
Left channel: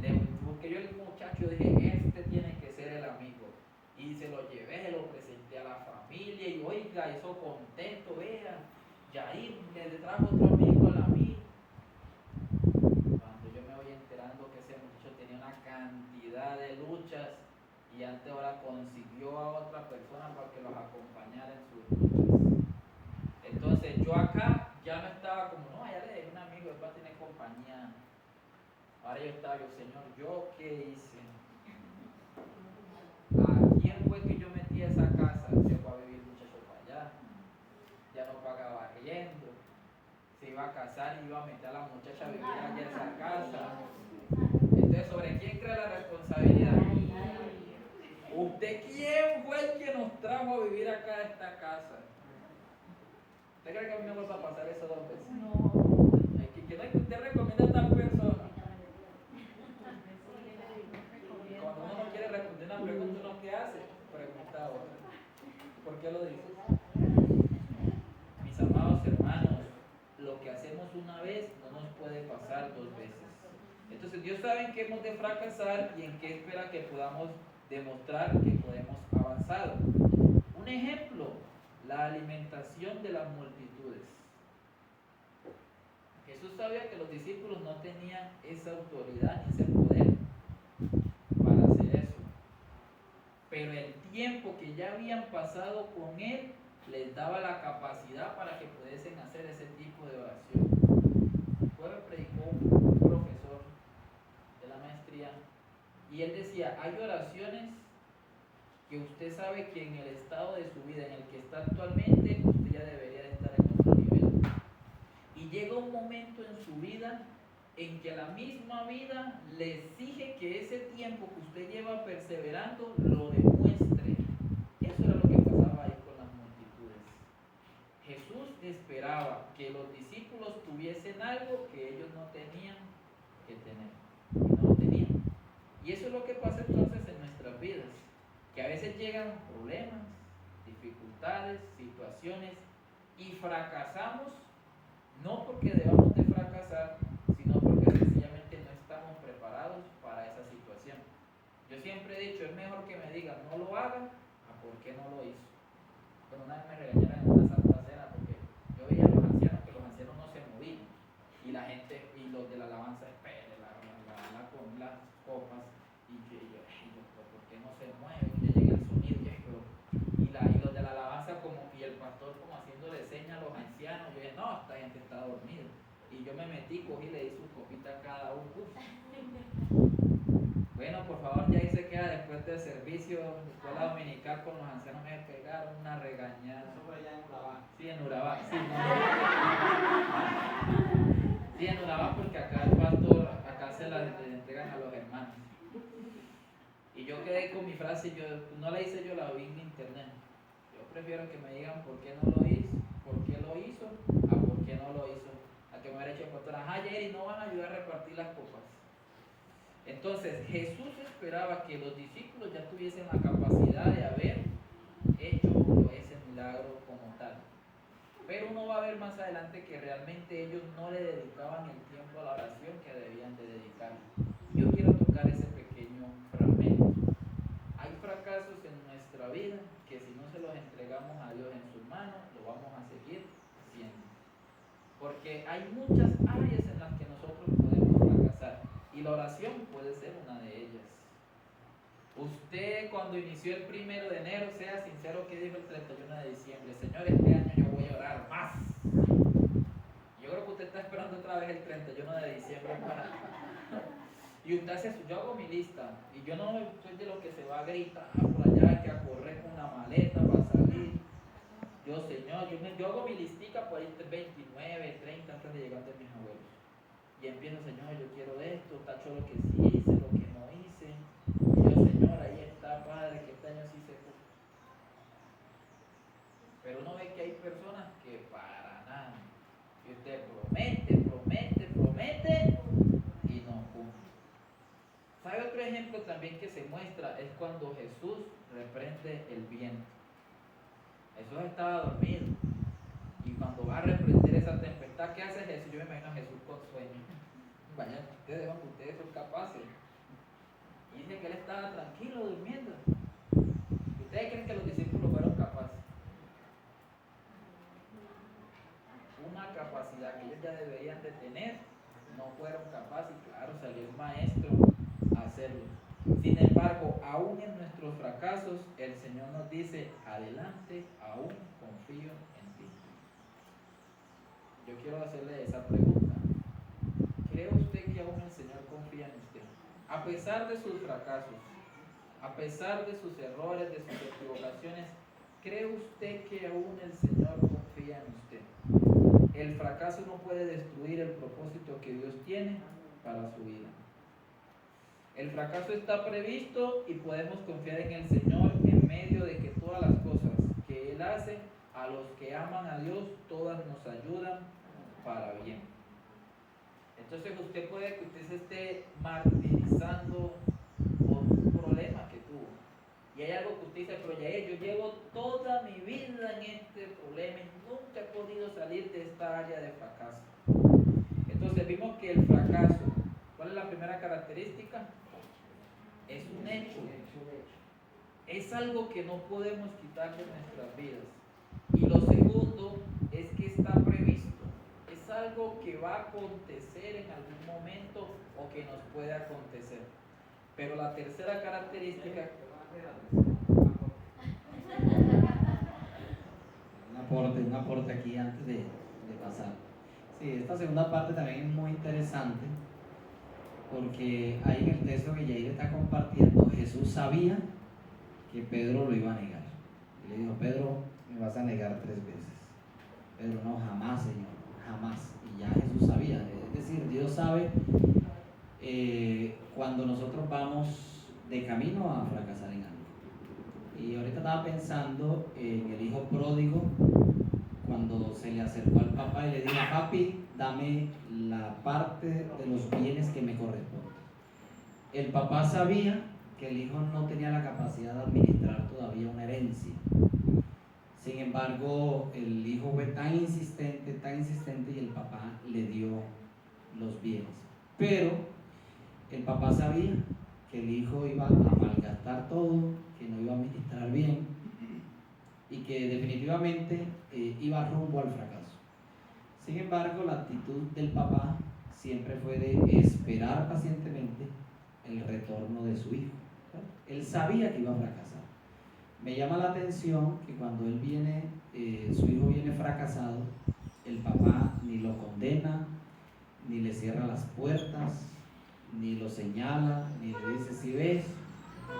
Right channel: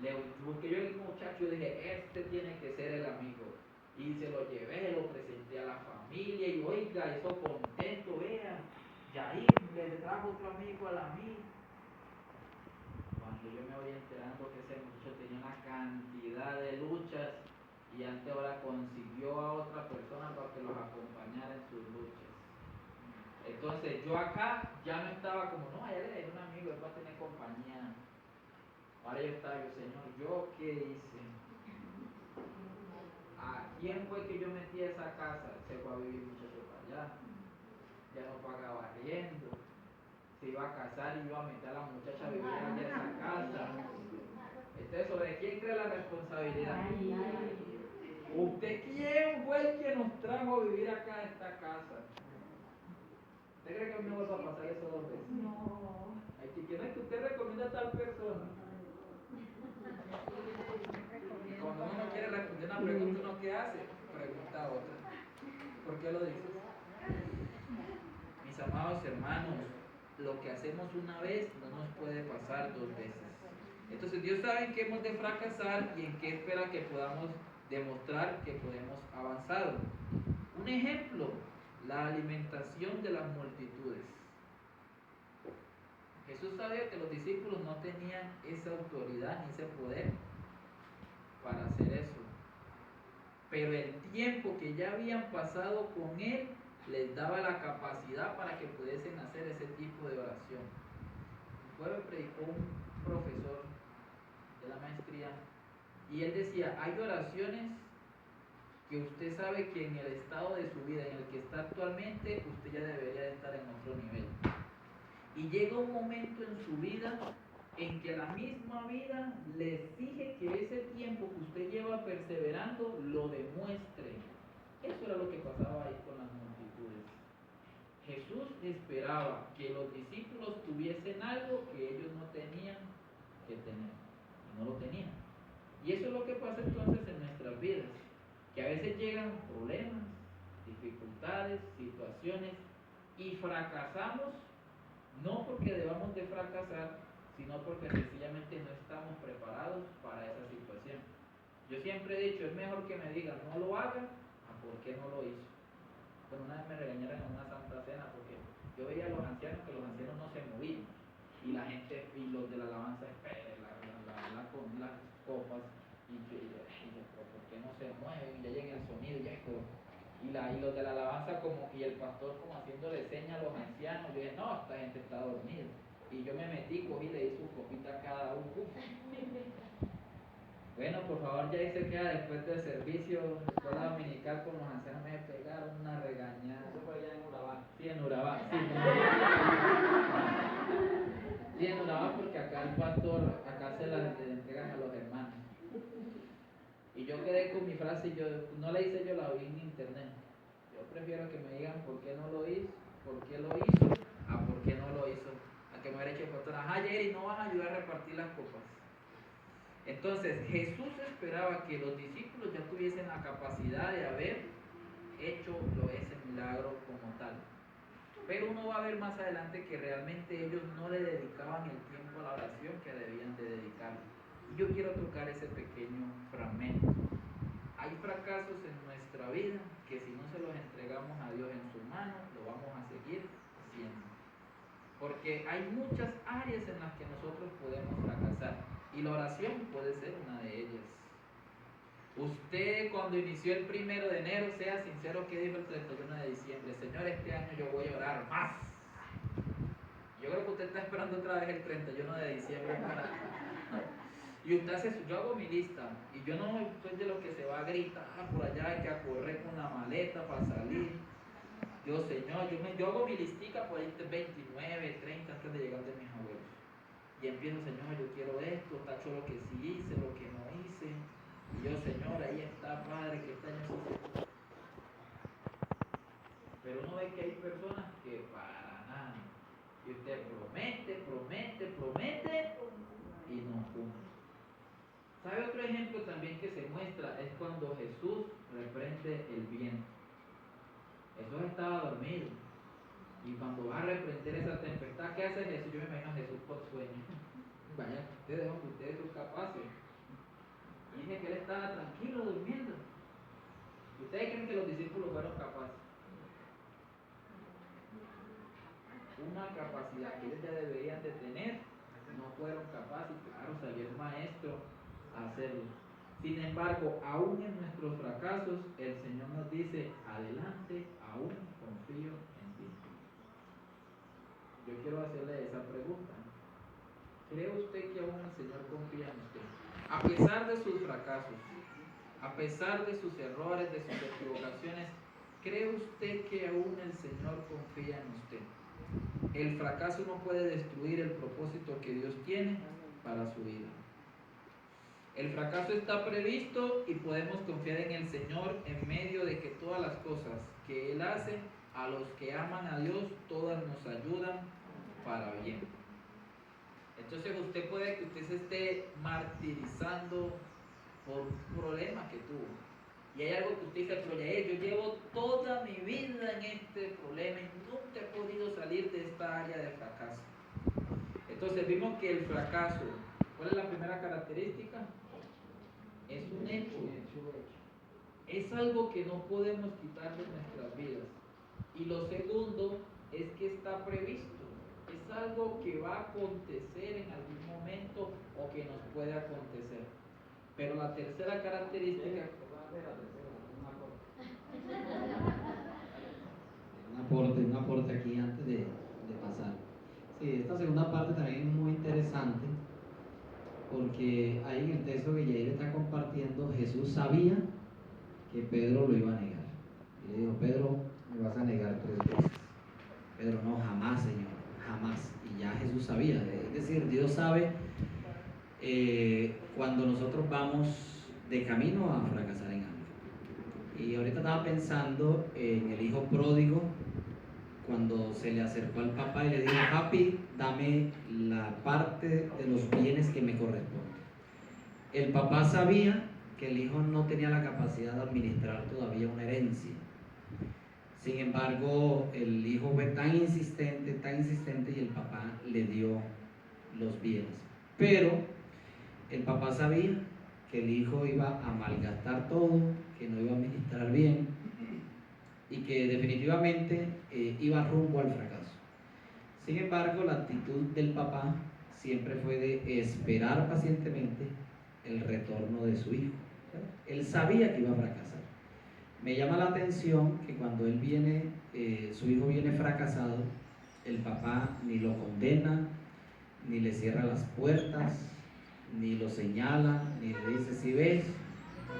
Le busqué yo el muchacho, dije, este tiene que ser el amigo. Y se lo llevé, se lo presenté a la familia y oiga, eso contento, vean, Yair le trajo otro amigo a la mía. Cuando yo me voy enterando que ese muchacho tenía una cantidad de luchas y antes ahora consiguió a otra persona para que los acompañara en sus luchas. Entonces yo acá ya no estaba como, no, ya le dejé un amigo, él va a tener compañía. Ahora yo estaba, yo, Señor, ¿yo qué hice? ¿A quién fue que yo metí a esa casa? Se fue a vivir el muchacho para allá, ya no pagaba arriendo, se iba a casar y iba a meter a la muchacha a vivir allá en esa casa. Entonces, ¿sobre quién cree la responsabilidad? ¿Usted quién fue el que nos trajo a vivir acá a esta casa? ¿Usted cree que a mí me va a pasar eso 2 veces? No. Que usted recomienda a tal persona. Cuando uno no quiere responder una pregunta, ¿uno qué hace? Pregunta a otra. ¿Por qué lo dices? Mis amados hermanos, lo que hacemos una vez no nos puede pasar 2 veces. Entonces Dios sabe en qué hemos de fracasar y en qué espera que podamos demostrar que podemos avanzar. Un ejemplo, la alimentación de las multitudes. Jesús sabía que los discípulos no tenían esa autoridad ni ese poder para hacer eso. Pero el tiempo que ya habían pasado con Él les daba la capacidad para que pudiesen hacer ese tipo de oración. Luego predicó un profesor de la maestría y él decía, hay oraciones que usted sabe que en el estado de su vida en el que está actualmente, usted ya debería de estar en otro nivel. Y llega un momento en su vida en que la misma vida le exige que ese tiempo que usted lleva perseverando lo demuestre. Eso era lo que pasaba ahí con las multitudes. Jesús esperaba que los discípulos tuviesen algo que ellos no tenían que tener. No lo tenían. Y eso es lo que pasa entonces en nuestras vidas. Que a veces llegan problemas, dificultades, situaciones y fracasamos, no porque debamos de fracasar, sino porque sencillamente no estamos preparados para esa situación. Yo siempre he dicho, es mejor que me digan no lo haga a por qué no lo hizo. Pero una vez me regañaron en una santa cena porque yo veía a los ancianos que los ancianos no se movían y la gente y los de la alabanza espere con las copas y yo ¿por qué no se mueven? Y le llega el sonido y los de la alabanza y el pastor como haciéndole señas a los ancianos. Yo dije, no, esta gente está dormida. Y yo me metí, cogí y le di su copita a cada uno. Bueno, por favor, ya ahí se queda después del servicio, escuela dominical con los ancianos, me pegaron una regañada. Eso fue allá en Urabá. Sí, en Urabá, sí. Sí, en Urabá, porque acá el pastor, acá se la entregan a los hermanos. Y yo quedé con mi frase, yo no la hice yo, la vi en internet. Yo prefiero que me digan por qué no lo hizo, por qué lo hizo, a por qué no lo hizo. A que me hubiera hecho pastor, ajá, Jerry, no van a ayudar a repartir las copas. Entonces Jesús esperaba que los discípulos ya tuviesen la capacidad de haber hecho ese milagro como tal. Pero uno va a ver más adelante que realmente ellos no le dedicaban el tiempo a la oración que debían de dedicarle. Yo quiero tocar ese pequeño fragmento. Hay fracasos en nuestra vida que si no se los entregamos a Dios en sus manos, lo vamos a seguir haciendo. Porque hay muchas áreas en las que nosotros podemos fracasar y la oración puede ser una de ellas. Usted cuando inició el 1 de enero, sea sincero, que dijo el 31 de diciembre, Señor, este año yo voy a orar más. Yo creo que usted está esperando otra vez el 31 de diciembre para... Y usted hace yo hago mi lista y yo no soy de los que se va a gritar por allá, que a correr con la maleta para salir. Yo, Señor, yo hago mi listica por ahí 29, 30 antes de llegar de mis abuelos. Y empiezo, Señor, yo quiero esto, tacho lo que sí hice, lo que no hice. Y yo, Señor, ahí está, Padre, que este año sí se puso. Pero uno ve que hay personas que para nada. Y usted promete y no cumple. ¿Sabe otro ejemplo también que se muestra? Es cuando Jesús reprende el viento. Jesús estaba dormido. Y cuando va a reprender esa tempestad, ¿qué hace Jesús? Yo me imagino a Jesús con sueño. Vaya, ustedes, hombre, ustedes son capaces. Y dice que él estaba tranquilo durmiendo. ¿Ustedes creen que los discípulos fueron capaces? Una capacidad que ellos ya deberían de tener, no fueron capaces, y claro, salió el maestro a hacerlo. Sin embargo, aún en nuestros fracasos, el Señor nos dice, adelante, aún confío en ti. Yo quiero hacerle esa pregunta. ¿Cree usted que aún el Señor confía en usted? A pesar de sus fracasos, a pesar de sus errores, de sus equivocaciones, ¿cree usted que aún el Señor confía en usted? El fracaso no puede destruir el propósito que Dios tiene para su vida. El fracaso está previsto y podemos confiar en el Señor en medio de que todas las cosas que Él hace, a los que aman a Dios, todas nos ayudan para bien. Entonces usted puede que usted se esté martirizando por un problema que tuvo. Y hay algo que usted dice, pero ya yo llevo toda mi vida en este problema y nunca he podido salir de esta área de fracaso. Entonces vimos que el fracaso, ¿cuál es la primera característica? Es un hecho. Es algo que no podemos quitar de nuestras vidas. Y lo segundo es que está previsto. Es algo que va a acontecer en algún momento o que nos puede acontecer. Pero la tercera característica... Un aporte aquí antes de pasar. Sí, esta segunda parte también es muy interesante porque ahí en el texto que Yair está compartiendo, Jesús sabía que Pedro lo iba a negar. Y le dijo, Pedro, me vas a negar 3 veces. Pedro, no, jamás, Señor, jamás. Y ya Jesús sabía. Es decir, Dios sabe cuando nosotros vamos de camino a fracasar en algo. Y ahorita estaba pensando en el hijo pródigo, cuando se le acercó al papá y le dijo, papi, dame la parte de los bienes que me corresponde. El papá sabía que el hijo no tenía la capacidad de administrar todavía una herencia. Sin embargo, el hijo fue tan insistente y el papá le dio los bienes. Pero el papá sabía que el hijo iba a malgastar todo, que no iba a administrar bien y que definitivamente iba rumbo al fracaso. Sin embargo, la actitud del papá siempre fue de esperar pacientemente el retorno de su hijo. Él sabía que iba a fracasar. Me llama la atención que cuando él viene, su hijo viene fracasado, el papá ni lo condena, ni le cierra las puertas, ni lo señala, ni le dice, si ves,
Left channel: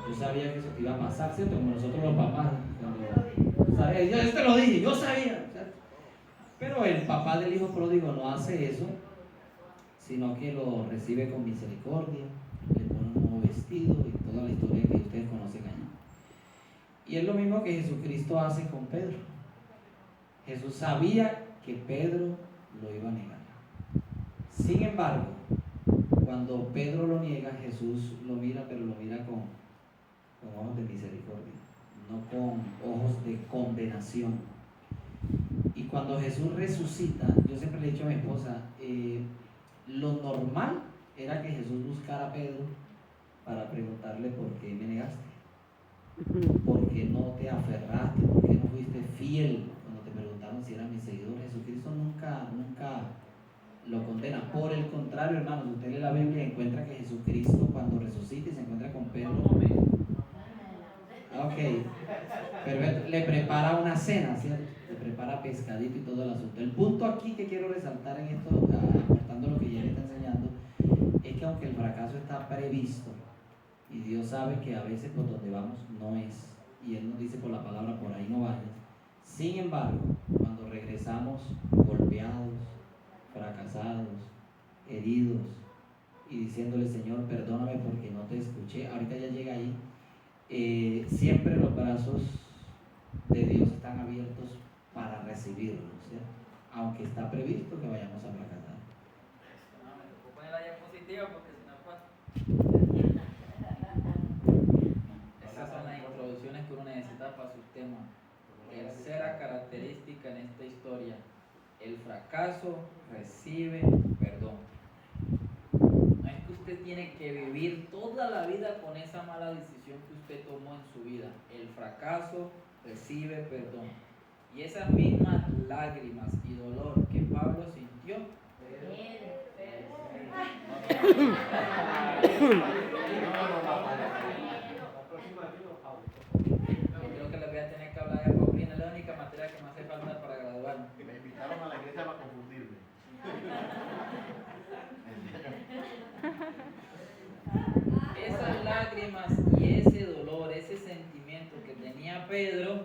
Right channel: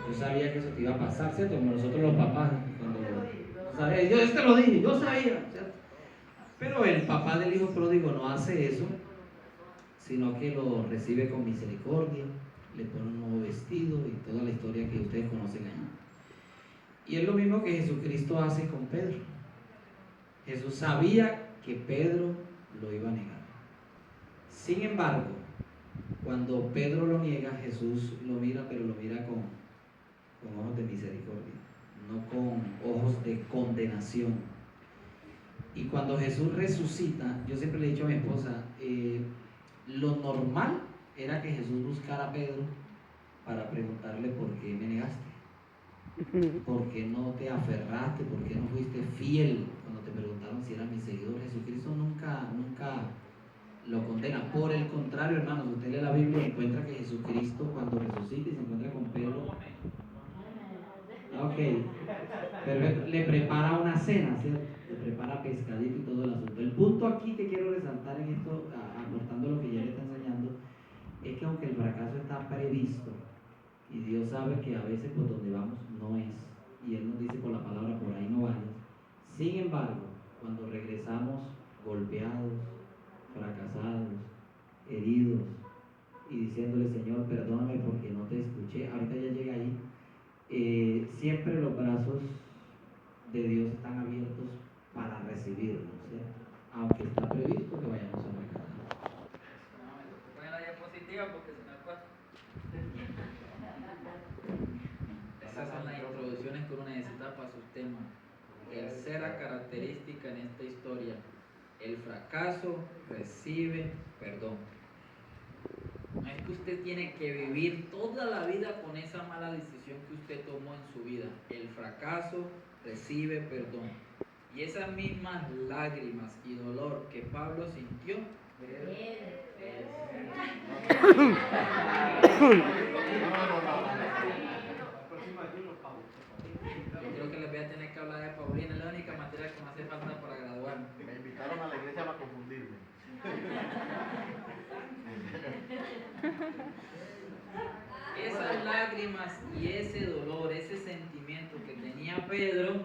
yo sabía que eso te iba a pasar, ¿cierto? Como nosotros los papás, cuando sabes, yo te lo dije, yo sabía, ¿cierto? Pero el papá del hijo pródigo no hace eso, sino que lo recibe con misericordia, le pone un nuevo vestido y toda la historia que ustedes conocen ahí. Y es lo mismo que Jesucristo hace con Pedro. Jesús sabía que Pedro lo iba a negar. Sin embargo, cuando Pedro lo niega, Jesús lo mira, pero lo mira con ojos de misericordia, no con ojos de condenación. Y cuando Jesús resucita, yo siempre le he dicho a mi esposa, lo normal era que Jesús buscara a Pedro para preguntarle por qué me negaste, por qué no te aferraste, por qué no fuiste fiel cuando te preguntaron si eras mi seguidor. Jesucristo nunca lo condena. Por el contrario, hermanos, usted lee la Biblia y encuentra que Jesucristo cuando resucita y se encuentra con Pedro, perfecto, le prepara una cena, ¿cierto? Le prepara pescadito y todo el asunto. El punto aquí que quiero resaltar en esto, aportando lo que ya le está enseñando, es que aunque el fracaso está previsto y Dios sabe que a veces por donde vamos no es, y Él nos dice por la palabra, por ahí no vayas, Sin embargo, cuando regresamos golpeados, fracasados, heridos y diciéndole, Señor, perdóname porque no te escuché, ahorita ya llega ahí, siempre los brazos de Dios están abiertos para recibirnos, ¿cierto? Aunque está previsto que vayamos a fracasar. No, me tocó poner la diapositiva porque si no, pues. Esas son las introducciones que uno necesita para sus temas. Tercera característica en esta historia: el fracaso recibe perdón. No es que usted tiene que vivir toda la vida con esa mala decisión que usted tomó en su vida. El fracaso recibe perdón. Y esas mismas lágrimas y dolor que Pablo sintió, creo que les voy a tener que hablar de Paulina, es la única materia que me hace falta para graduarme. Me invitaron a la iglesia para confundirme. Esas lágrimas y ese dolor, ese sentimiento que tenía Pedro,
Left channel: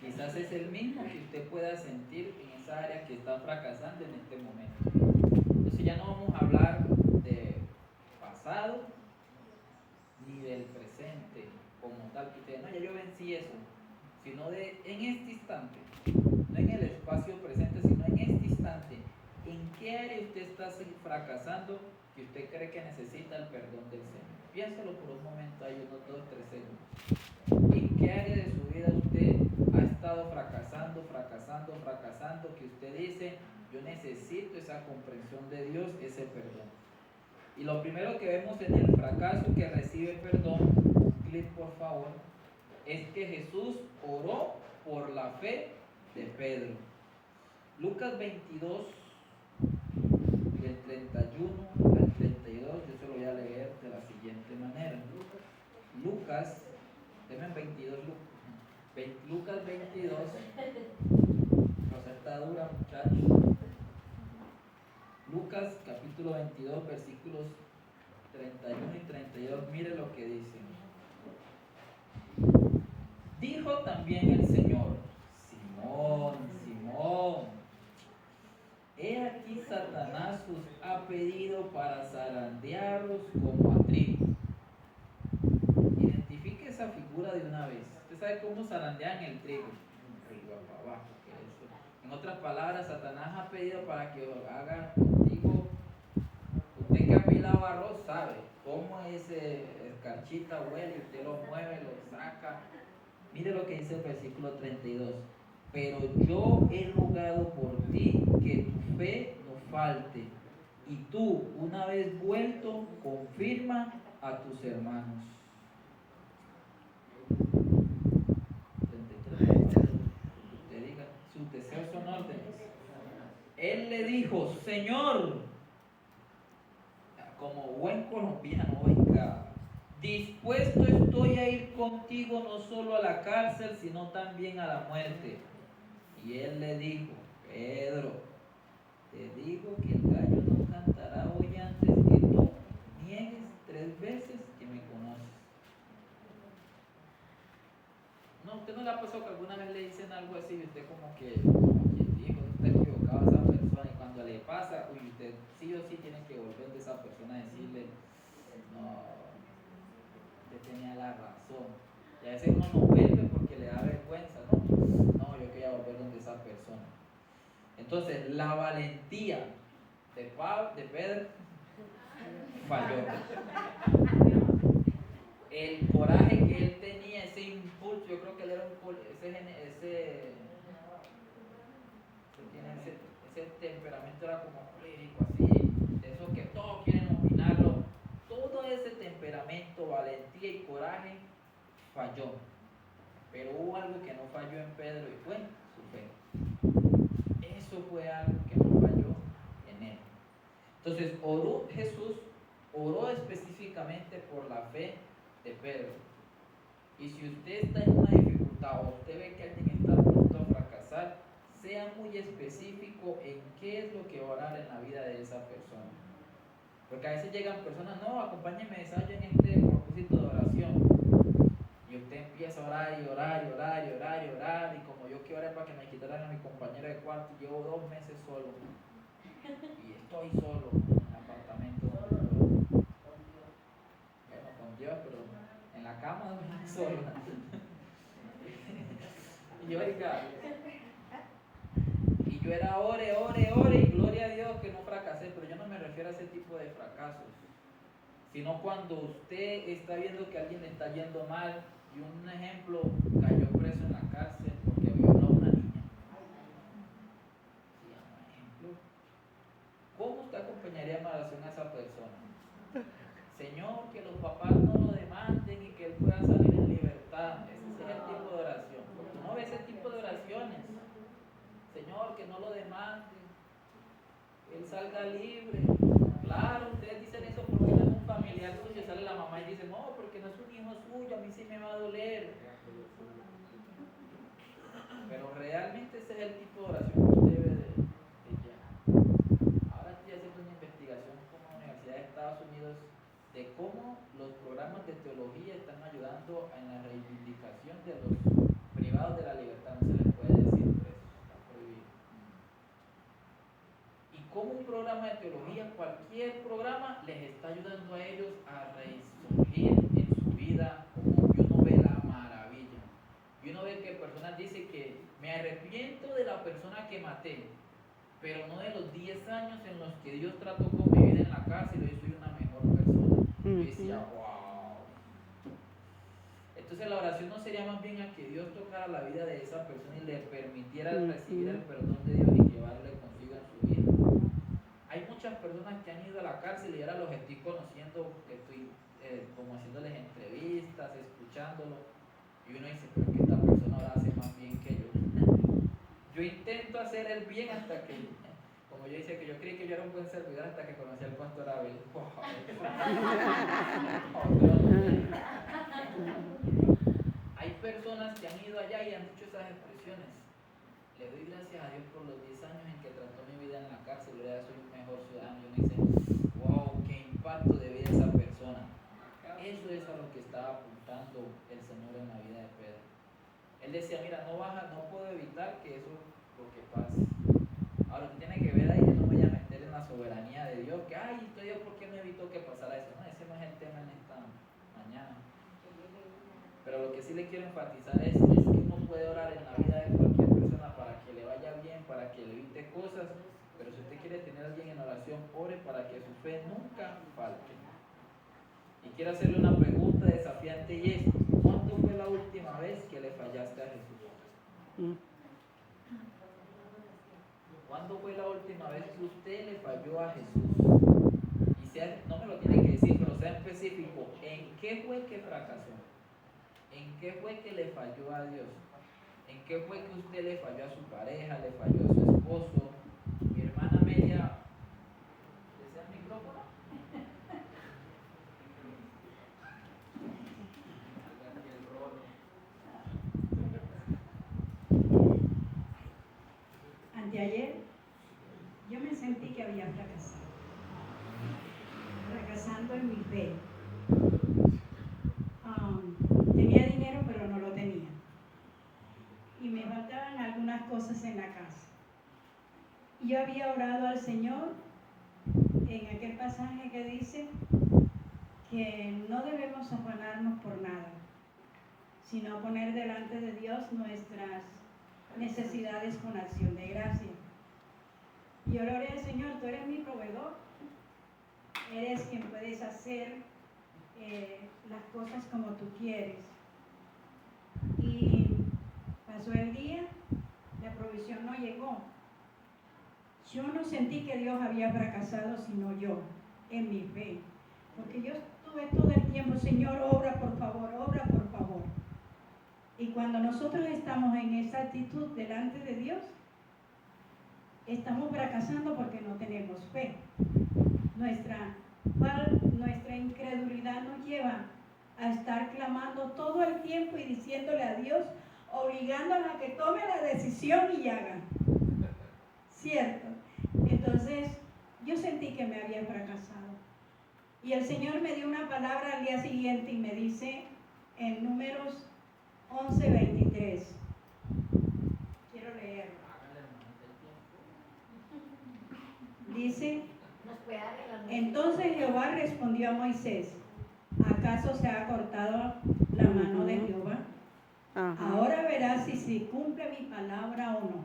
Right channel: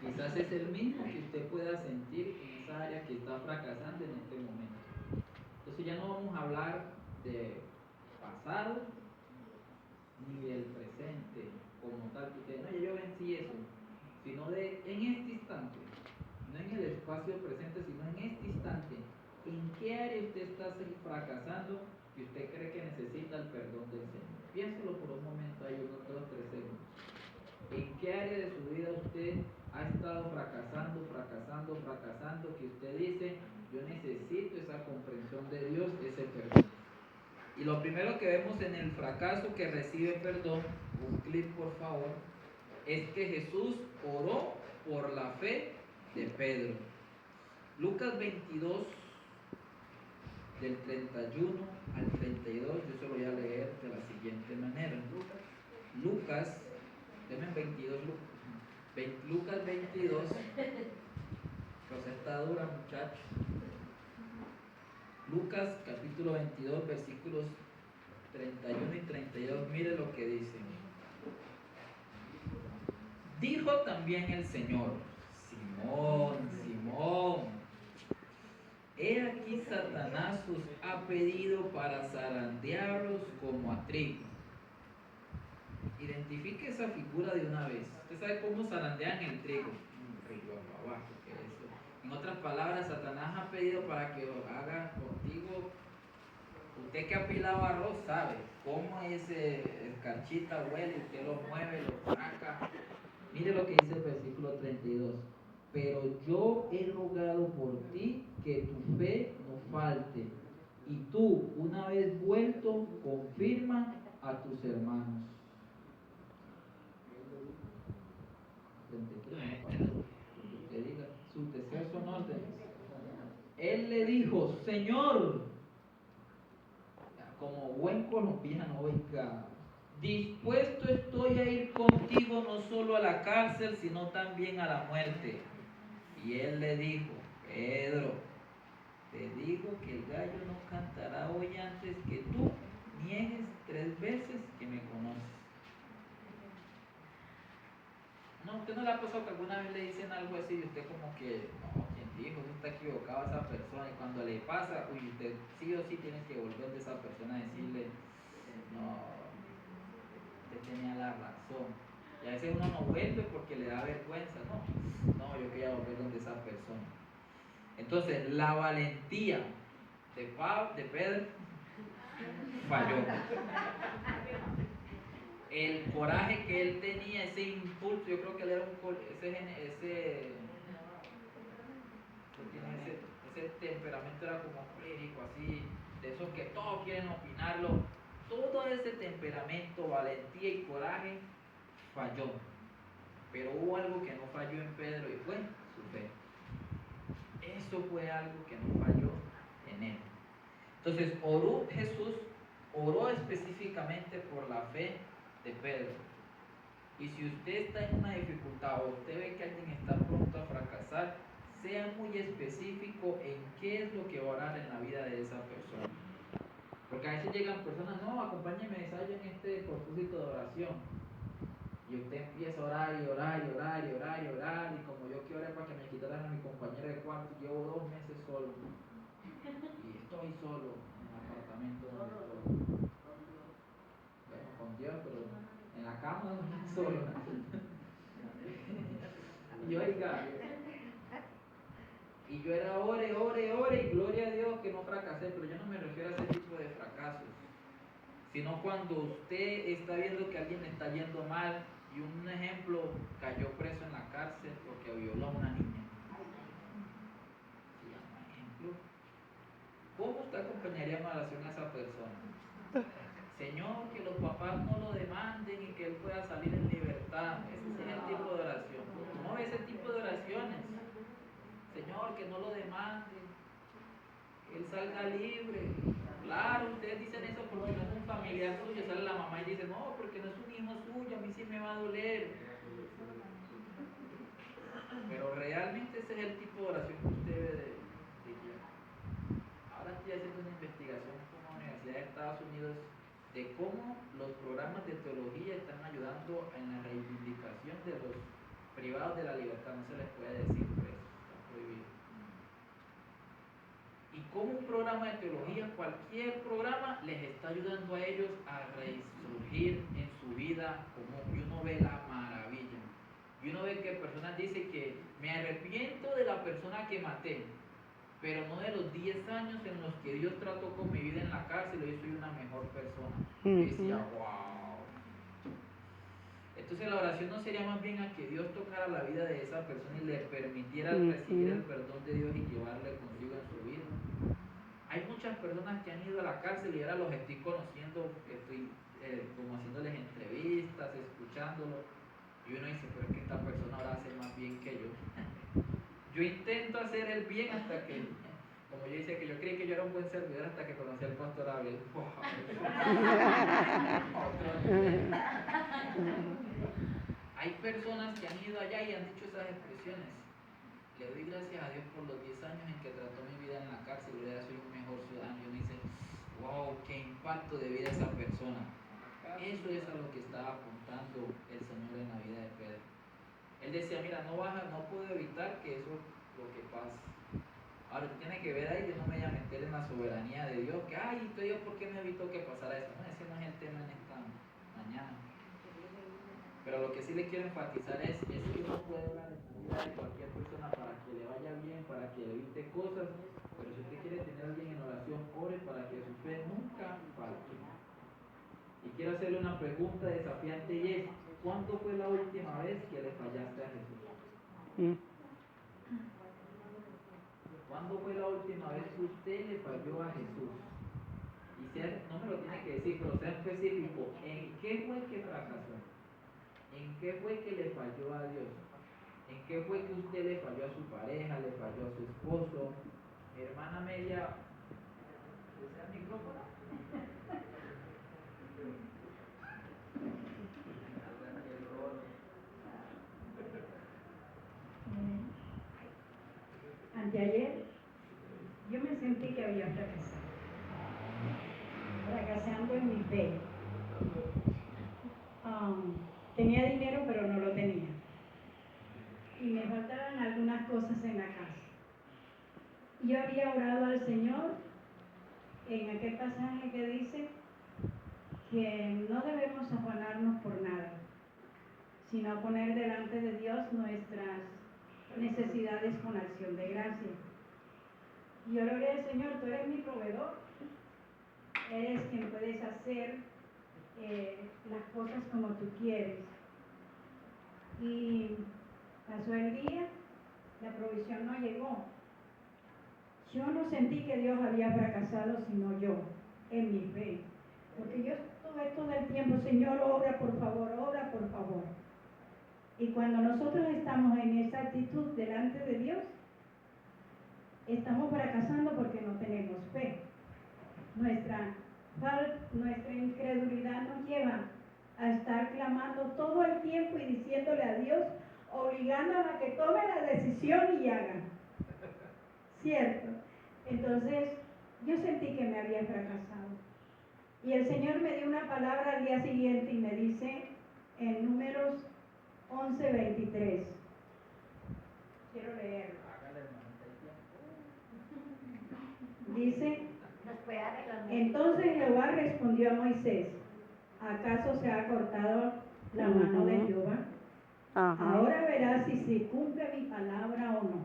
quizás es el mismo que usted pueda sentir en esa área que está fracasando en este momento. Entonces ya no vamos a hablar de pasado ni del presente como tal, que usted, no, ya yo vencí eso, sino de en este instante, no en el espacio presente, sino en este instante. ¿En qué área usted está fracasando que usted cree que necesita el perdón del Señor? Piénsalo por un momento, ahí unos 2 o 3 segundos. ¿En qué área de su vida usted ha estado fracasando, que usted dice, yo necesito esa comprensión de Dios, ese perdón? Y lo primero que vemos en el fracaso que recibe perdón, un clip por favor, es que Jesús oró por la fe de Pedro. Lucas 22, del 31 al 32, yo se lo voy a leer de la siguiente manera. Lucas, denme 22, Lucas 22, Rosetta dura, muchachos. Lucas capítulo 22, versículos 31 y 32, mire lo que dice. Dijo también el Señor, Simón, Simón, he aquí Satanás os ha pedido para zarandearos como a trigo. Identifique esa figura de una vez. Usted sabe cómo zarandean el trigo. Arriba, para abajo. En otras palabras, Satanás ha pedido para que lo haga contigo. Usted que ha pilado arroz sabe cómo ese escarchita huele, usted lo mueve, lo saca. Mire lo que dice el versículo 32. Pero yo he rogado por ti que tu fe no falte, y tú, una vez vuelto, confirma a tus hermanos. 33. Usted diga, sus deseos son órdenes. Él le dijo, Señor, como buen colombiano, oiga, dispuesto estoy a ir contigo no solo a la cárcel, sino también a la muerte. Y él le dijo, Pedro, te digo que el gallo no cantará hoy antes que tú niegues 3 veces que me conoces. No, ¿usted no le ha pasado que alguna vez le dicen algo así y usted como que, dijo, está equivocado a esa persona, y cuando le pasa, uy, usted sí o sí tiene que volver de esa persona a decirle, no, usted tenía la razón. Y a veces uno no vuelve porque le da vergüenza, ¿no? No, yo quería volver donde esa persona. Entonces, la valentía de Pedro falló. El coraje que él tenía, ese impulso, yo creo que él era ese temperamento era como crítico, así, de esos que todos quieren opinarlo. Todo ese temperamento, valentía y coraje falló. Pero hubo algo que no falló en Pedro y fue su fe. Eso fue algo que no falló en él. Entonces, Jesús oró específicamente por la fe de Pedro. Y si usted está en una dificultad o usted ve que alguien está pronto a fracasar, sea muy específico en qué es lo que va a orar en la vida de esa persona. Porque a veces llegan personas, no, acompáñenme en este propósito de oración. Y usted empieza a orar y orar y orar y orar y orar. Y como yo que oré para que me quitaran a mi compañero de cuarto, llevo 2 meses solo. Y estoy solo en el apartamento. Bueno, con Dios, pero en la cama solo. Y oiga, y yo era ore y gloria a Dios que no fracasé, pero yo no me refiero a ese tipo de fracasos, sino cuando usted está viendo que a alguien le está yendo mal y un ejemplo cayó preso en la cárcel porque violó a una niña. Sí, un ejemplo. ¿Cómo usted acompañaría en oración a esa persona? Señor, que los papás no lo demanden y que él pueda salir en libertad. Ese es el tipo de oración. No ve ese tipo de oraciones. Señor, que no lo demanden, que él salga libre. Claro, ustedes dicen eso porque no es un familiar suyo. Sale la mamá y dice, no, porque no es un hijo suyo, a mí sí me va a doler. Pero realmente ese es el tipo de oración que usted debe de guiar. Ahora estoy haciendo una investigación con la Universidad de Estados Unidos de cómo los programas de teología están ayudando en la reivindicación de los privados de la libertad. No se les puede decir presos, está prohibido. Y como un programa de teología, cualquier programa, les está ayudando a ellos a resurgir en su vida, como y uno ve la maravilla. Y uno ve que personas dicen que me arrepiento de la persona que maté, pero no de los 10 años en los que Dios trató con mi vida en la cárcel, yo soy una mejor persona. Y decía, wow. Entonces la oración no sería más bien a que Dios tocara la vida de esa persona y le permitiera recibir el perdón de Dios y llevarle consigo en su vida. Hay muchas personas que han ido a la cárcel y ahora los estoy conociendo, estoy como haciéndoles entrevistas, escuchándolos, y uno dice, pero es que esta persona ahora hace más bien que yo. Yo intento hacer el bien hasta que, como yo dice que yo creí que yo era un buen servidor hasta que conocí al pastor Abel. Hay personas que han ido allá y han dicho esas expresiones. Le doy gracias a Dios por los 10 años en que trató mi vida en la cárcel, ahora soy un mejor ciudadano. Y uno dice, wow, qué impacto de vida esa persona. Eso es a lo que estaba apuntando el Señor en la vida de Pedro. Él decía, mira, no puedo evitar que eso es lo que pase. Ahora, tú tienes que ver ahí, yo no me voy a meter en la soberanía de Dios, que, ay, Dios, ¿por qué no evitó que pasara eso? No, ese no es el tema en esta mañana. Pero lo que sí le quiero enfatizar es que uno puede orar en la vida de cualquier persona para que le vaya bien, para que le evite cosas, pero si usted quiere tener a alguien en oración, ore para que su fe nunca falte. Y quiero hacerle una pregunta desafiante y es, ¿cuándo fue la última vez que le fallaste a Jesús? ¿Cuándo fue la última vez que usted le falló a Jesús? Y no me lo tiene que decir, pero sea específico, ¿en qué fue que fracasó? ¿En qué fue que le falló a Dios? ¿En qué fue que usted le falló a su pareja, le falló a su esposo? Mi hermana Amelia, ¿desea el micrófono? Anteayer yo me sentí que había fracasando en mi fe. Tenía dinero pero no lo tenía y me faltaban algunas cosas en la casa. Y yo había orado al Señor en aquel pasaje que dice que no debemos afanarnos por nada, sino poner delante de Dios nuestras necesidades con acción de gracia. Yo le oré al Señor, tú eres mi proveedor, eres quien puedes hacer las cosas como tú quieres. Y pasó el día, la provisión no llegó. Yo no sentí que Dios había fracasado, sino yo, en mi fe. Porque yo estuve todo el tiempo, Señor, obra por favor, obra por favor. Y cuando nosotros estamos en esa actitud delante de Dios, estamos fracasando porque no tenemos fe. Nuestra incredulidad nos lleva a estar clamando todo el tiempo y diciéndole a Dios, obligándola a que tome la decisión y haga. ¿Cierto? Entonces, yo sentí que me había fracasado. Y el Señor me dio una palabra al día siguiente y me dice, en Números 11:23. Quiero leerlo. Dice, entonces Jehová respondió a Moisés, ¿acaso se ha cortado la mano de Jehová? Ajá. Ahora verás si se cumple mi palabra o no.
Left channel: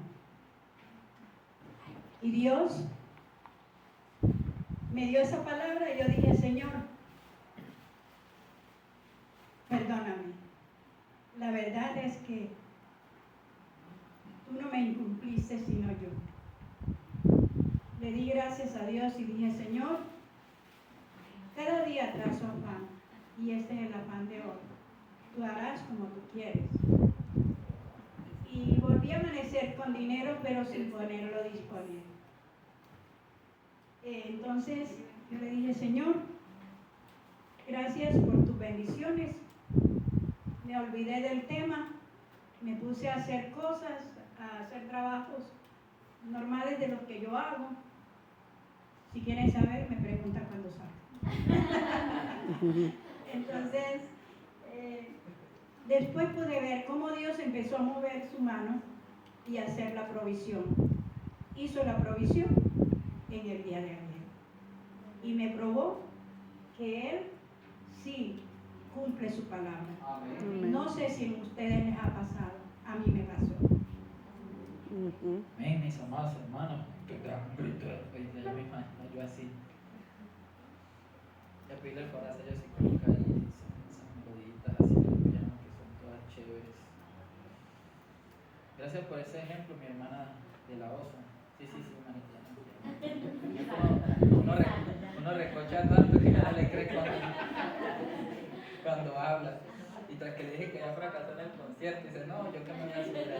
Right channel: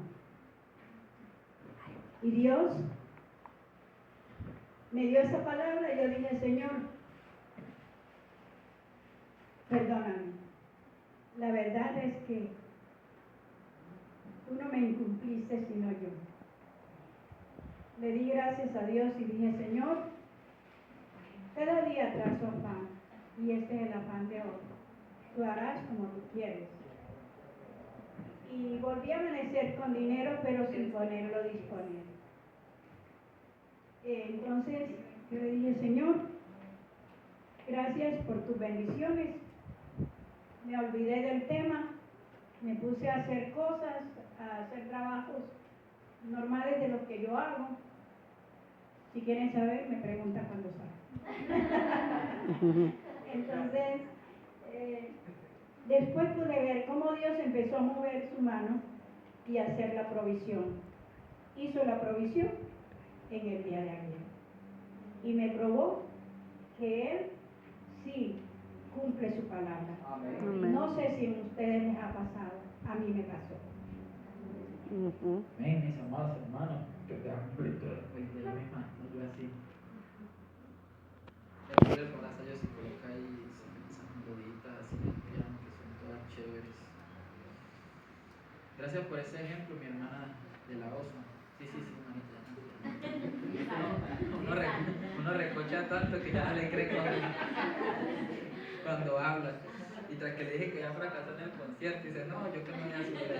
Y Dios me dio esa palabra y yo dije, Señor, perdóname. La verdad es que tú no me incumpliste sino yo. Le di gracias a Dios y dije, Señor, cada día trazo pan y este es el afán de hoy. Tú harás como tú quieres. Y volví a amanecer con dinero, pero sin ponerlo disponible. Entonces yo le dije, Señor, gracias por tus bendiciones. Me olvidé del tema, me puse a hacer cosas, a hacer trabajos normales de lo que yo hago. Si quieren saber, me preguntan cuando saben. Entonces, después pude ver cómo Dios empezó a mover su mano y hacer la provisión. Hizo la provisión en el día de ayer. Y me probó que Él sí cumple su palabra. Amén. No sé si a ustedes les ha pasado, a mí me pasó. Ujú. Amén, mis amados hermanos, qué gran brutal. Yo misma, yo así. Ya por el corazón yo sí coloca ahí esas meloditas así del piano que son todas chéveres. Gracias por ese ejemplo, mi hermana de la osa. Sí, manita. Uno recocha tanto que no le cree cuando habla. Y tras que le dije que ya fracasó en el concierto, dice, no, yo que me voy a subir allá.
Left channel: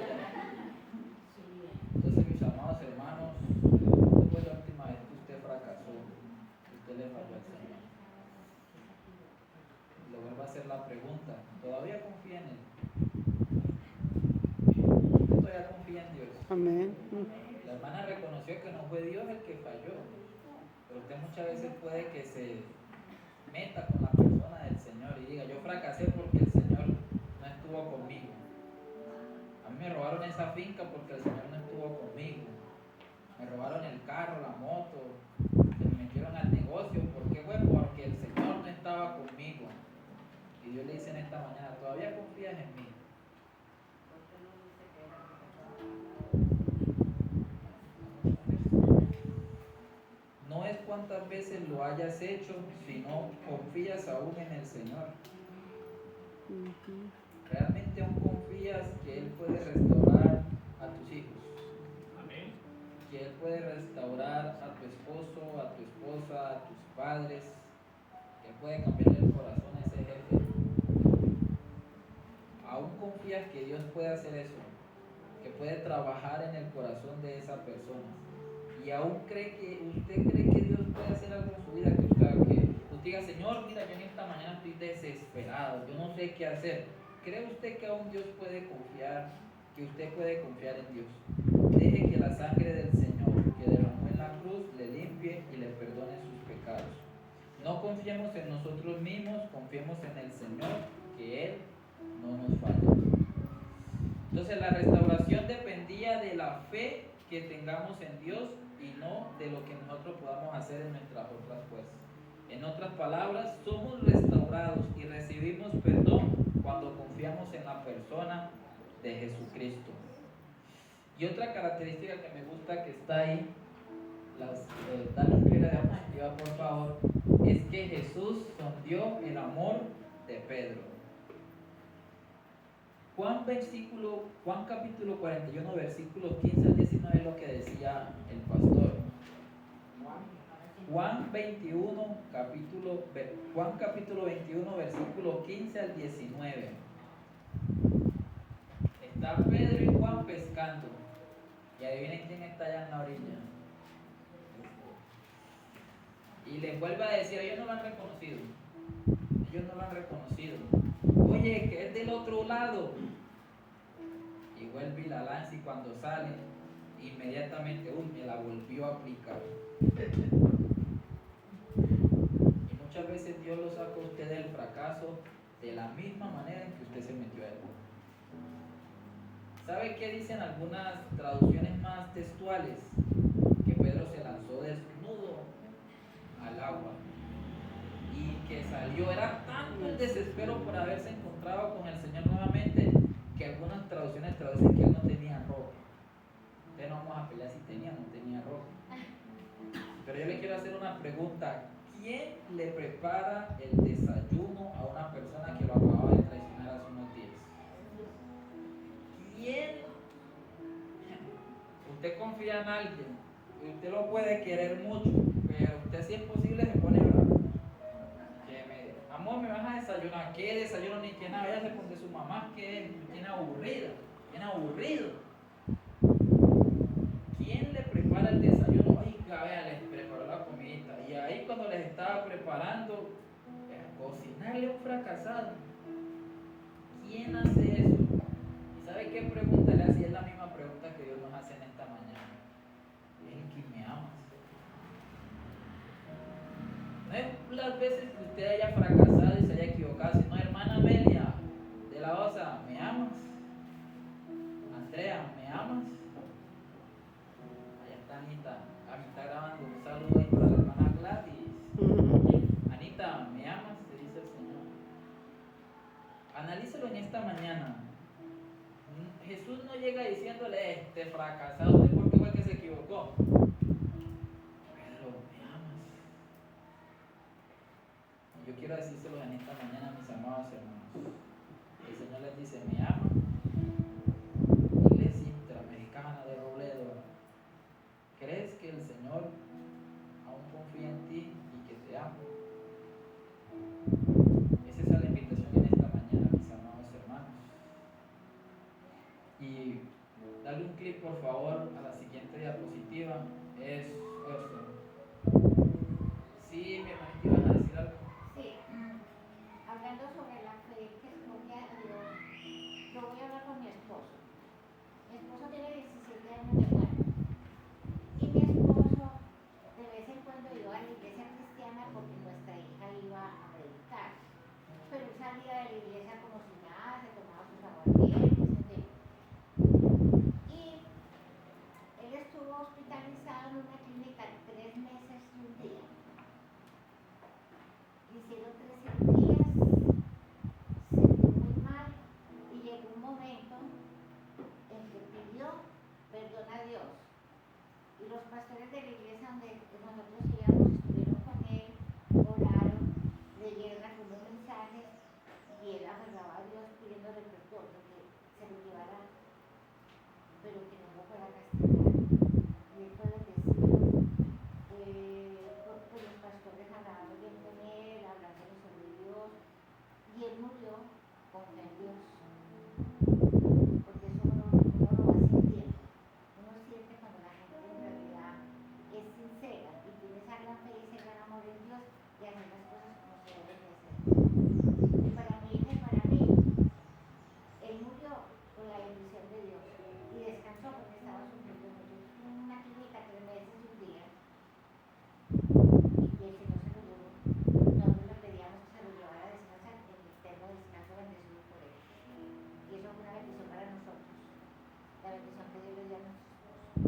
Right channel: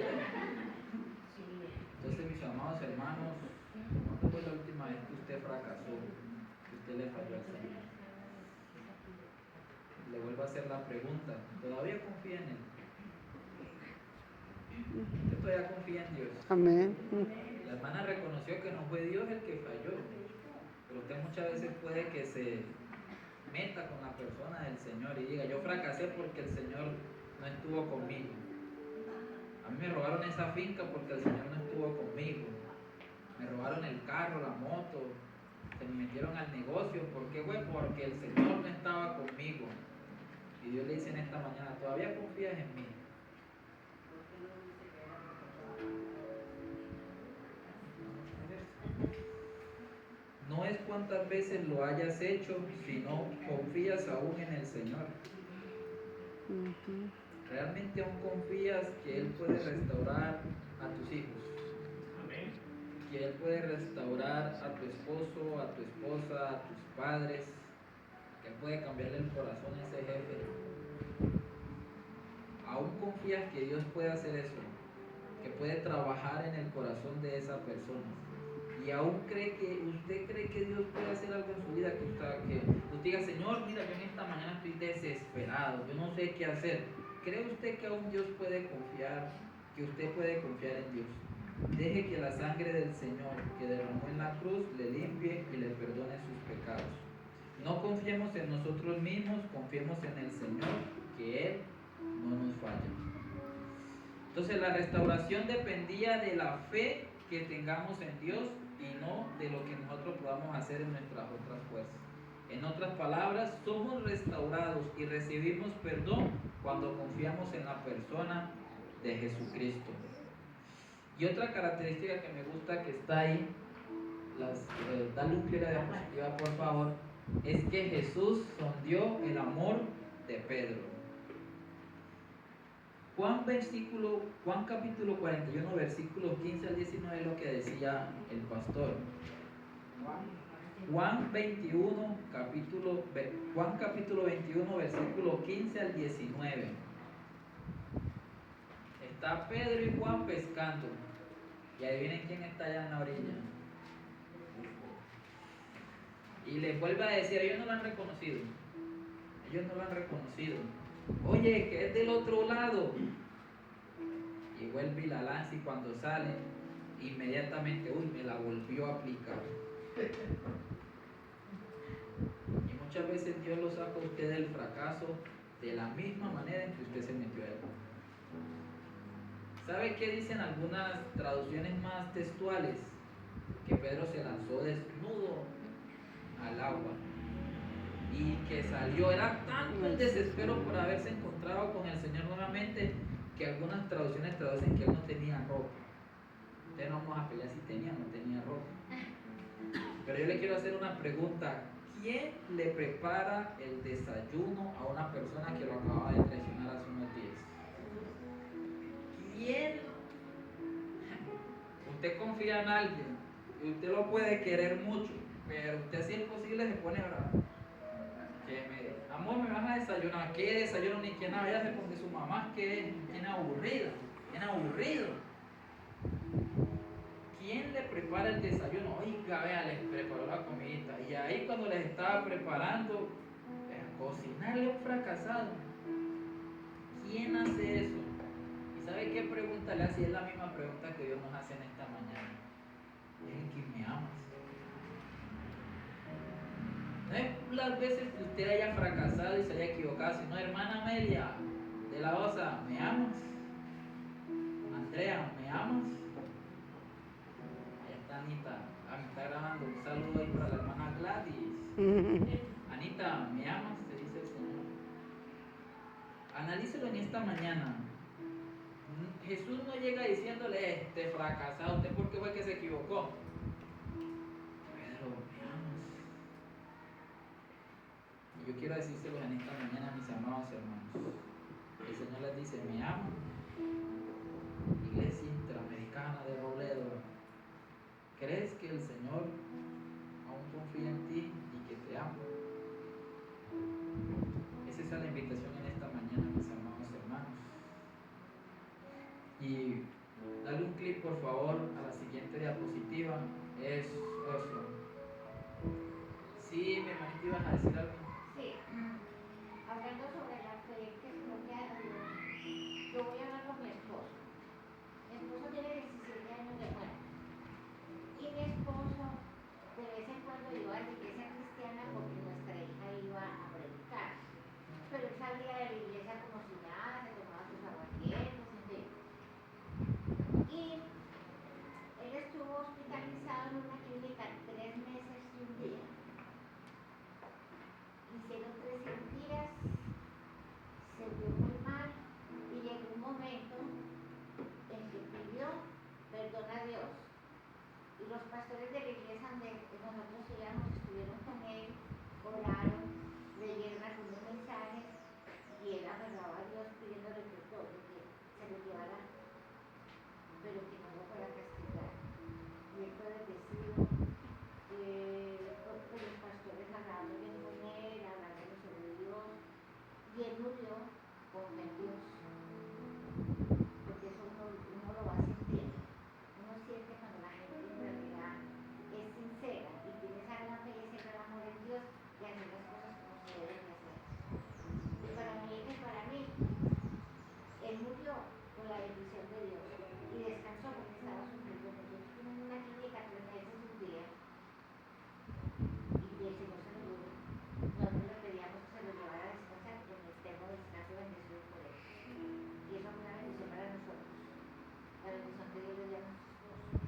Entonces, mis amados hermanos, ¿cuándo fue la última vez que usted fracasó? Que usted le falló al Señor. Le vuelvo a hacer la pregunta, ¿todavía confía en Él? Usted todavía confía en Dios. Amén. La hermana reconoció que no fue Dios el que falló, pero usted muchas veces puede que se meta con la persona del Señor y diga, yo fracasé porque el Señor no estuvo conmigo. A mí me robaron esa finca porque el Señor no estuvo conmigo. Me robaron el carro, la moto, se me metieron al negocio. ¿Por qué? Bueno, porque el Señor no estaba conmigo. Y Dios le dice en esta mañana, ¿todavía confías en mí? No es cuántas veces lo hayas hecho, sino confías aún en el Señor. Ujú. ¿Realmente aún confías que Él puede restaurar a tus hijos? Amén. Que Él puede restaurar a tu esposo, a tu esposa, a tus padres, que Él puede cambiarle el corazón a ese jefe. ¿Aún confías que Dios puede hacer eso? Que puede trabajar en el corazón de esa persona. Y aún usted cree que Dios puede hacer algo en su vida, que usted diga, Señor, mira, yo en esta mañana estoy desesperado, yo no sé qué hacer. ¿Cree usted que aún Dios puede confiar, que usted puede confiar en Dios? Deje que la sangre del Señor que derramó en la cruz le limpie y le perdone sus pecados. No confiemos en nosotros mismos, confiemos en el Señor, que Él no nos falla. Entonces la restauración dependía de la fe que tengamos en Dios y no de lo que nosotros podamos hacer en nuestras otras fuerzas. En otras palabras, somos restaurados y recibimos perdón cuando confiamos en la persona de Jesucristo. Y otra característica que me gusta que está ahí, dale un clic a la diapositiva por favor, es que Jesús sondeó el amor de Pedro. Juan capítulo 41, versículos 15 al 19 es lo que decía el pastor. Juan capítulo 21, versículo 15 al 19. Está Pedro y Juan pescando. Y adivinen quién está allá en la orilla. Y les vuelve a decir, ellos no lo han reconocido. Oye, que es del otro lado. Y vuelve y la lanza y cuando sale, inmediatamente, me la volvió a aplicar. Y muchas veces Dios lo saca a usted del fracaso de la misma manera en que usted se metió a él. ¿Sabe qué dicen algunas traducciones más textuales? Que Pedro se lanzó desnudo al agua y que salió. Era tanto el desespero por haberse encontrado con el Señor nuevamente que algunas traducciones traducen que él no tenía ropa. Entonces no vamos a pelear si tenía o no tenía ropa. Pero yo le quiero hacer una pregunta. ¿Quién le prepara el desayuno a una persona que lo acababa de traicionar hace unos días? ¿Quién? Usted confía en alguien y usted lo puede querer mucho, pero usted si es posible se pone bravo. Amor, me vas a desayunar. ¿Qué desayuno ni qué nada? Váyase con su mamá, que tiene aburrida, tiene aburrido. ¿Quién le prepara el desayuno? Oiga, vea, les preparó la comidita. Y ahí cuando les estaba preparando, cocinarle un fracasado. ¿Quién hace eso? ¿Y sabe qué pregunta le hace? Es la misma pregunta que Dios nos hace en esta mañana. ¿Es que me amas? No es las veces que usted haya fracasado y se haya equivocado, sino, hermana Amelia de la Osa, ¿me amas? Andrea, ¿me amas? Allá está Anita. Me está grabando. Un saludo ahí para la hermana Gladys. Anita, ¿me amas? Te dice el Señor. Analícelo en esta mañana. Jesús no llega diciéndole, este fracasado, ¿usted por qué fue que se equivocó? Pedro, ¿me amas? Y yo quiero decírselo en esta mañana, mis amados hermanos. El Señor les dice, ¿me ama? Iglesia Interamericana de Robledo, ¿crees que el Señor aún confía en ti y que te ama? Esa es la invitación en esta mañana, mis amados hermanos. Y dale un clic, por favor, a la siguiente diapositiva. Eso. Sí, mi hermanito, ¿ibas a decir algo? Sí, hablando sobre la fe que es propia de Dios, yo voy a hablar con mi esposo. Mi esposo tiene 17 años de muerte. Y mi esposo de vez en cuando iba a la iglesia cristiana porque nuestra hija iba a predicar. Pero él salía de la iglesia como si nada, se tomaba sus aguardientes, en fin. Y él estuvo hospitalizado en una clínica 3 meses y un día. Hicieron 3 cirugías, se vio muy mal y llegó un momento en que pidió perdón a Dios. Y los pastores de la iglesia donde nosotros íbamos estuvieron con él, oraron, leyeron algunos mensajes y él aferraba a Dios pidiéndole perdón de que se lo llevara, pero que no lo fuera a castigar. Y él fue bendecido. Porque los pastores hablaban bien con él, hablándole sobre Dios, y él murió con el Dios, porque eso uno lo va sintiendo. Uno siente cuando la gente en realidad es sincera y tiene esa gran fe y ese gran amor en Dios y hacer las cosas como se deben hacer. Y para mi hija y para mí, él murió con la bendición de Dios y descansó porque estaba sufriendo mucho. En una clínica 3 meses y un día. Y el Señor se lo llevó. Nosotros le pedíamos que se lo llevara a descansar porque eterno descanso bendecido por él. Y eso es una bendición para nosotros. La bendición que Dios le dio a nuestros esposos.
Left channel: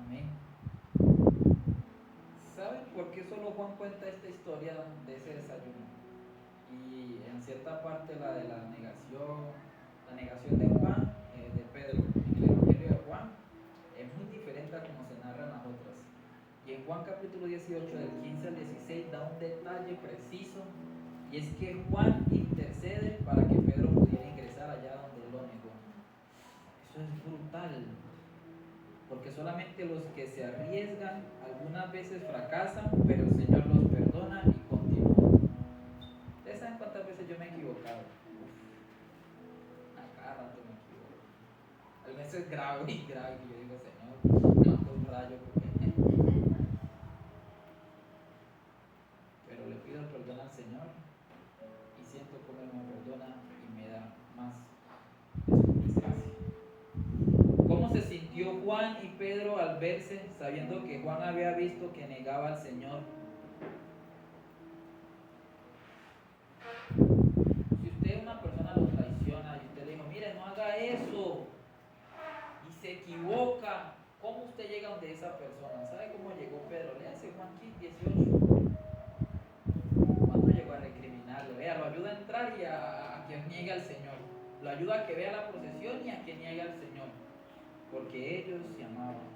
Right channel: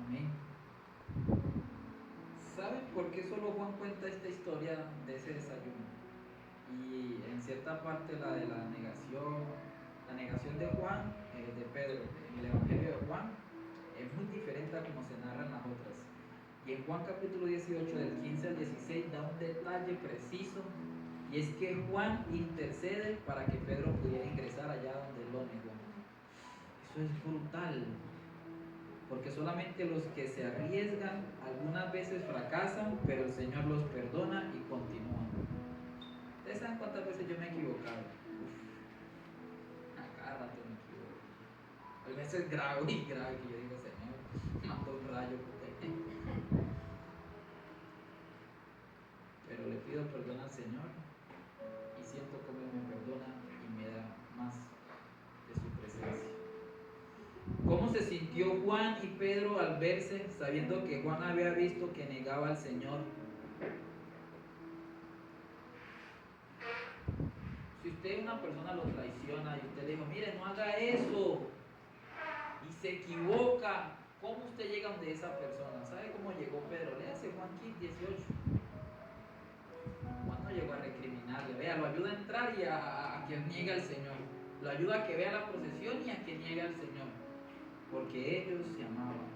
Amén. ¿Saben por qué solo Juan cuenta esta historia de ese desayuno? Y en cierta parte la de la negación de Juan, de Pedro, en el Evangelio de Juan, es muy diferente a como se narran las otras. Y en Juan capítulo 18, del 15 al 16, da un detalle preciso, y es que Juan intercede para que Pedro pudiera ingresar allá donde lo negó. Eso es brutal, porque solamente los que se arriesgan algunas veces fracasan, pero el Señor los perdona y continúa. ¿Ustedes saben cuántas veces yo me he equivocado? A cada rato me equivoco. A veces grave y grave que yo digo, Señor, mando un rayo porque... Pero le pido perdón al Señor y siento como Él me perdona y me da más de su presencia. ¿Cómo se sintió Juan y Pedro al verse, sabiendo que Juan había visto que negaba al Señor? Si ayuda y a que niegue al Señor. Lo ayuda a que vea la procesión y a que niegue al Señor. Porque ellos se amaban.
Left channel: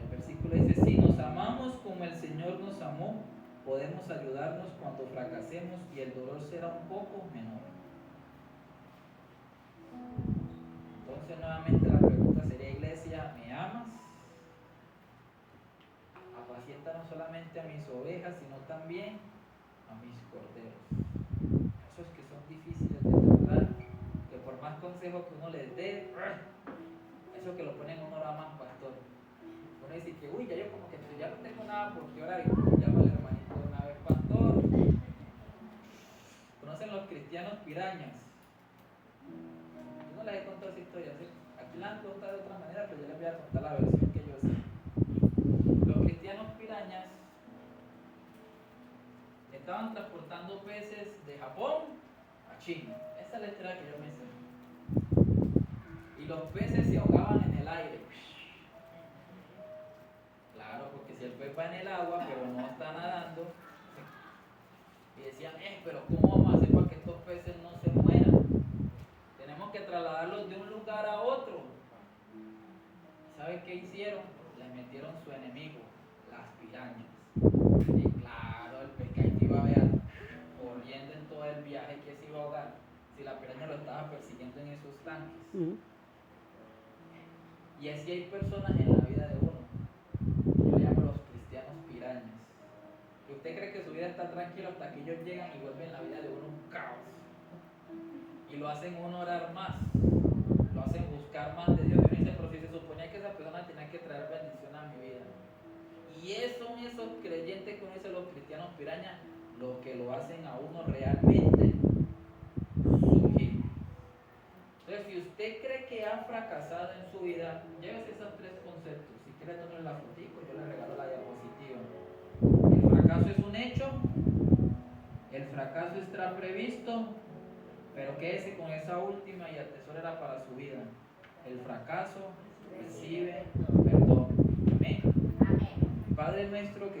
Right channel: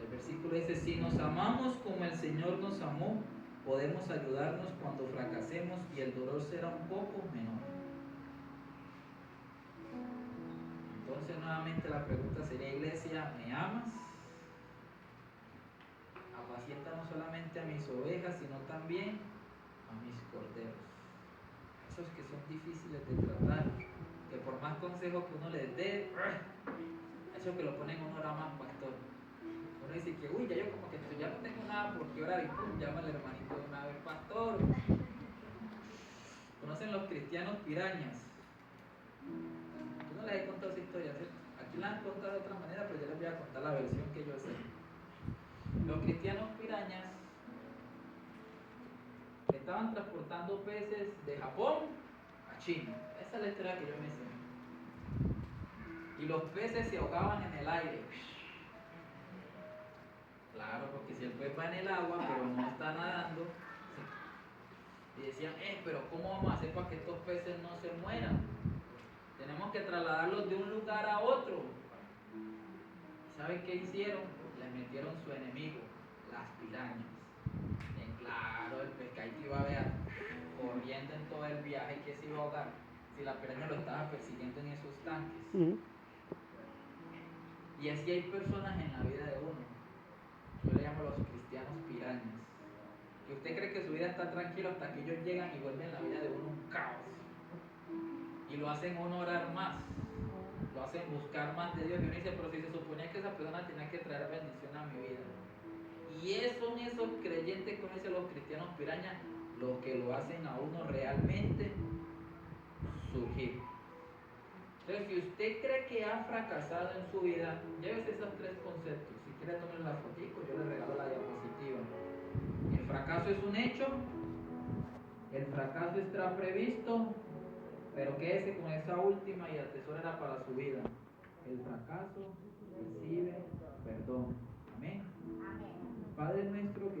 El versículo dice, si nos amamos como el Señor nos amó, podemos ayudarnos cuando fracasemos y el dolor será un poco menor. Entonces nuevamente la pregunta sería, iglesia, ¿me amas? Apacienta no solamente a mis ovejas, sino también a mis corderos. Esos que son difíciles de tratar, que por más consejo que uno les dé, eso que lo ponen uno ahora más, pastor. Uno dice que, uy, ya yo como que ya no tengo nada porque ahora llama al hermanito de una vez, pastor. ¿Conocen los cristianos pirañas? Yo no les he contado esa historia, ¿sí? Aquí la han contado de otra manera, pero yo les voy a contar la versión que yo sé. Los cristianos pirañas estaban transportando peces de Japón a China. Esa es la historia que yo me sé. Y los peces se ahogaban en el aire. Claro, porque si el pez va en el agua, pero no está nadando, y decían, pero ¿cómo vamos a hacer para que estos peces no se mueran? Tenemos que trasladarlos de un lugar a otro. ¿Saben qué hicieron? Les metieron su enemigo, las pirañas. Y claro, el pescadito iba a ver corriendo en todo el viaje que se iba a ahogar si la piraña lo estaba persiguiendo en esos tanques. Y así hay personas en la vida de uno. Yo le llamo los cristianos pirañas. Que usted cree que su vida está tranquila hasta que ellos llegan y vuelven la vida de uno un caos. Y lo hacen uno orar más. Lo hacen buscar más de Dios. Y uno dice, pero si se suponía que esa persona tenía que traer bendición a mi vida. Y son esos creyentes que uno dice los cristianos pirañas los que lo hacen a uno realmente surgir. Entonces, si usted cree que ha fracasado en su vida, llévese esos tres conceptos. Si quiere tomar la fotico, yo le regalo la diapositiva. El fracaso es un hecho, el fracaso está previsto, pero quédese con esa última y atesórela para su vida. El fracaso recibe perdón. Amén. Amén. Padre nuestro que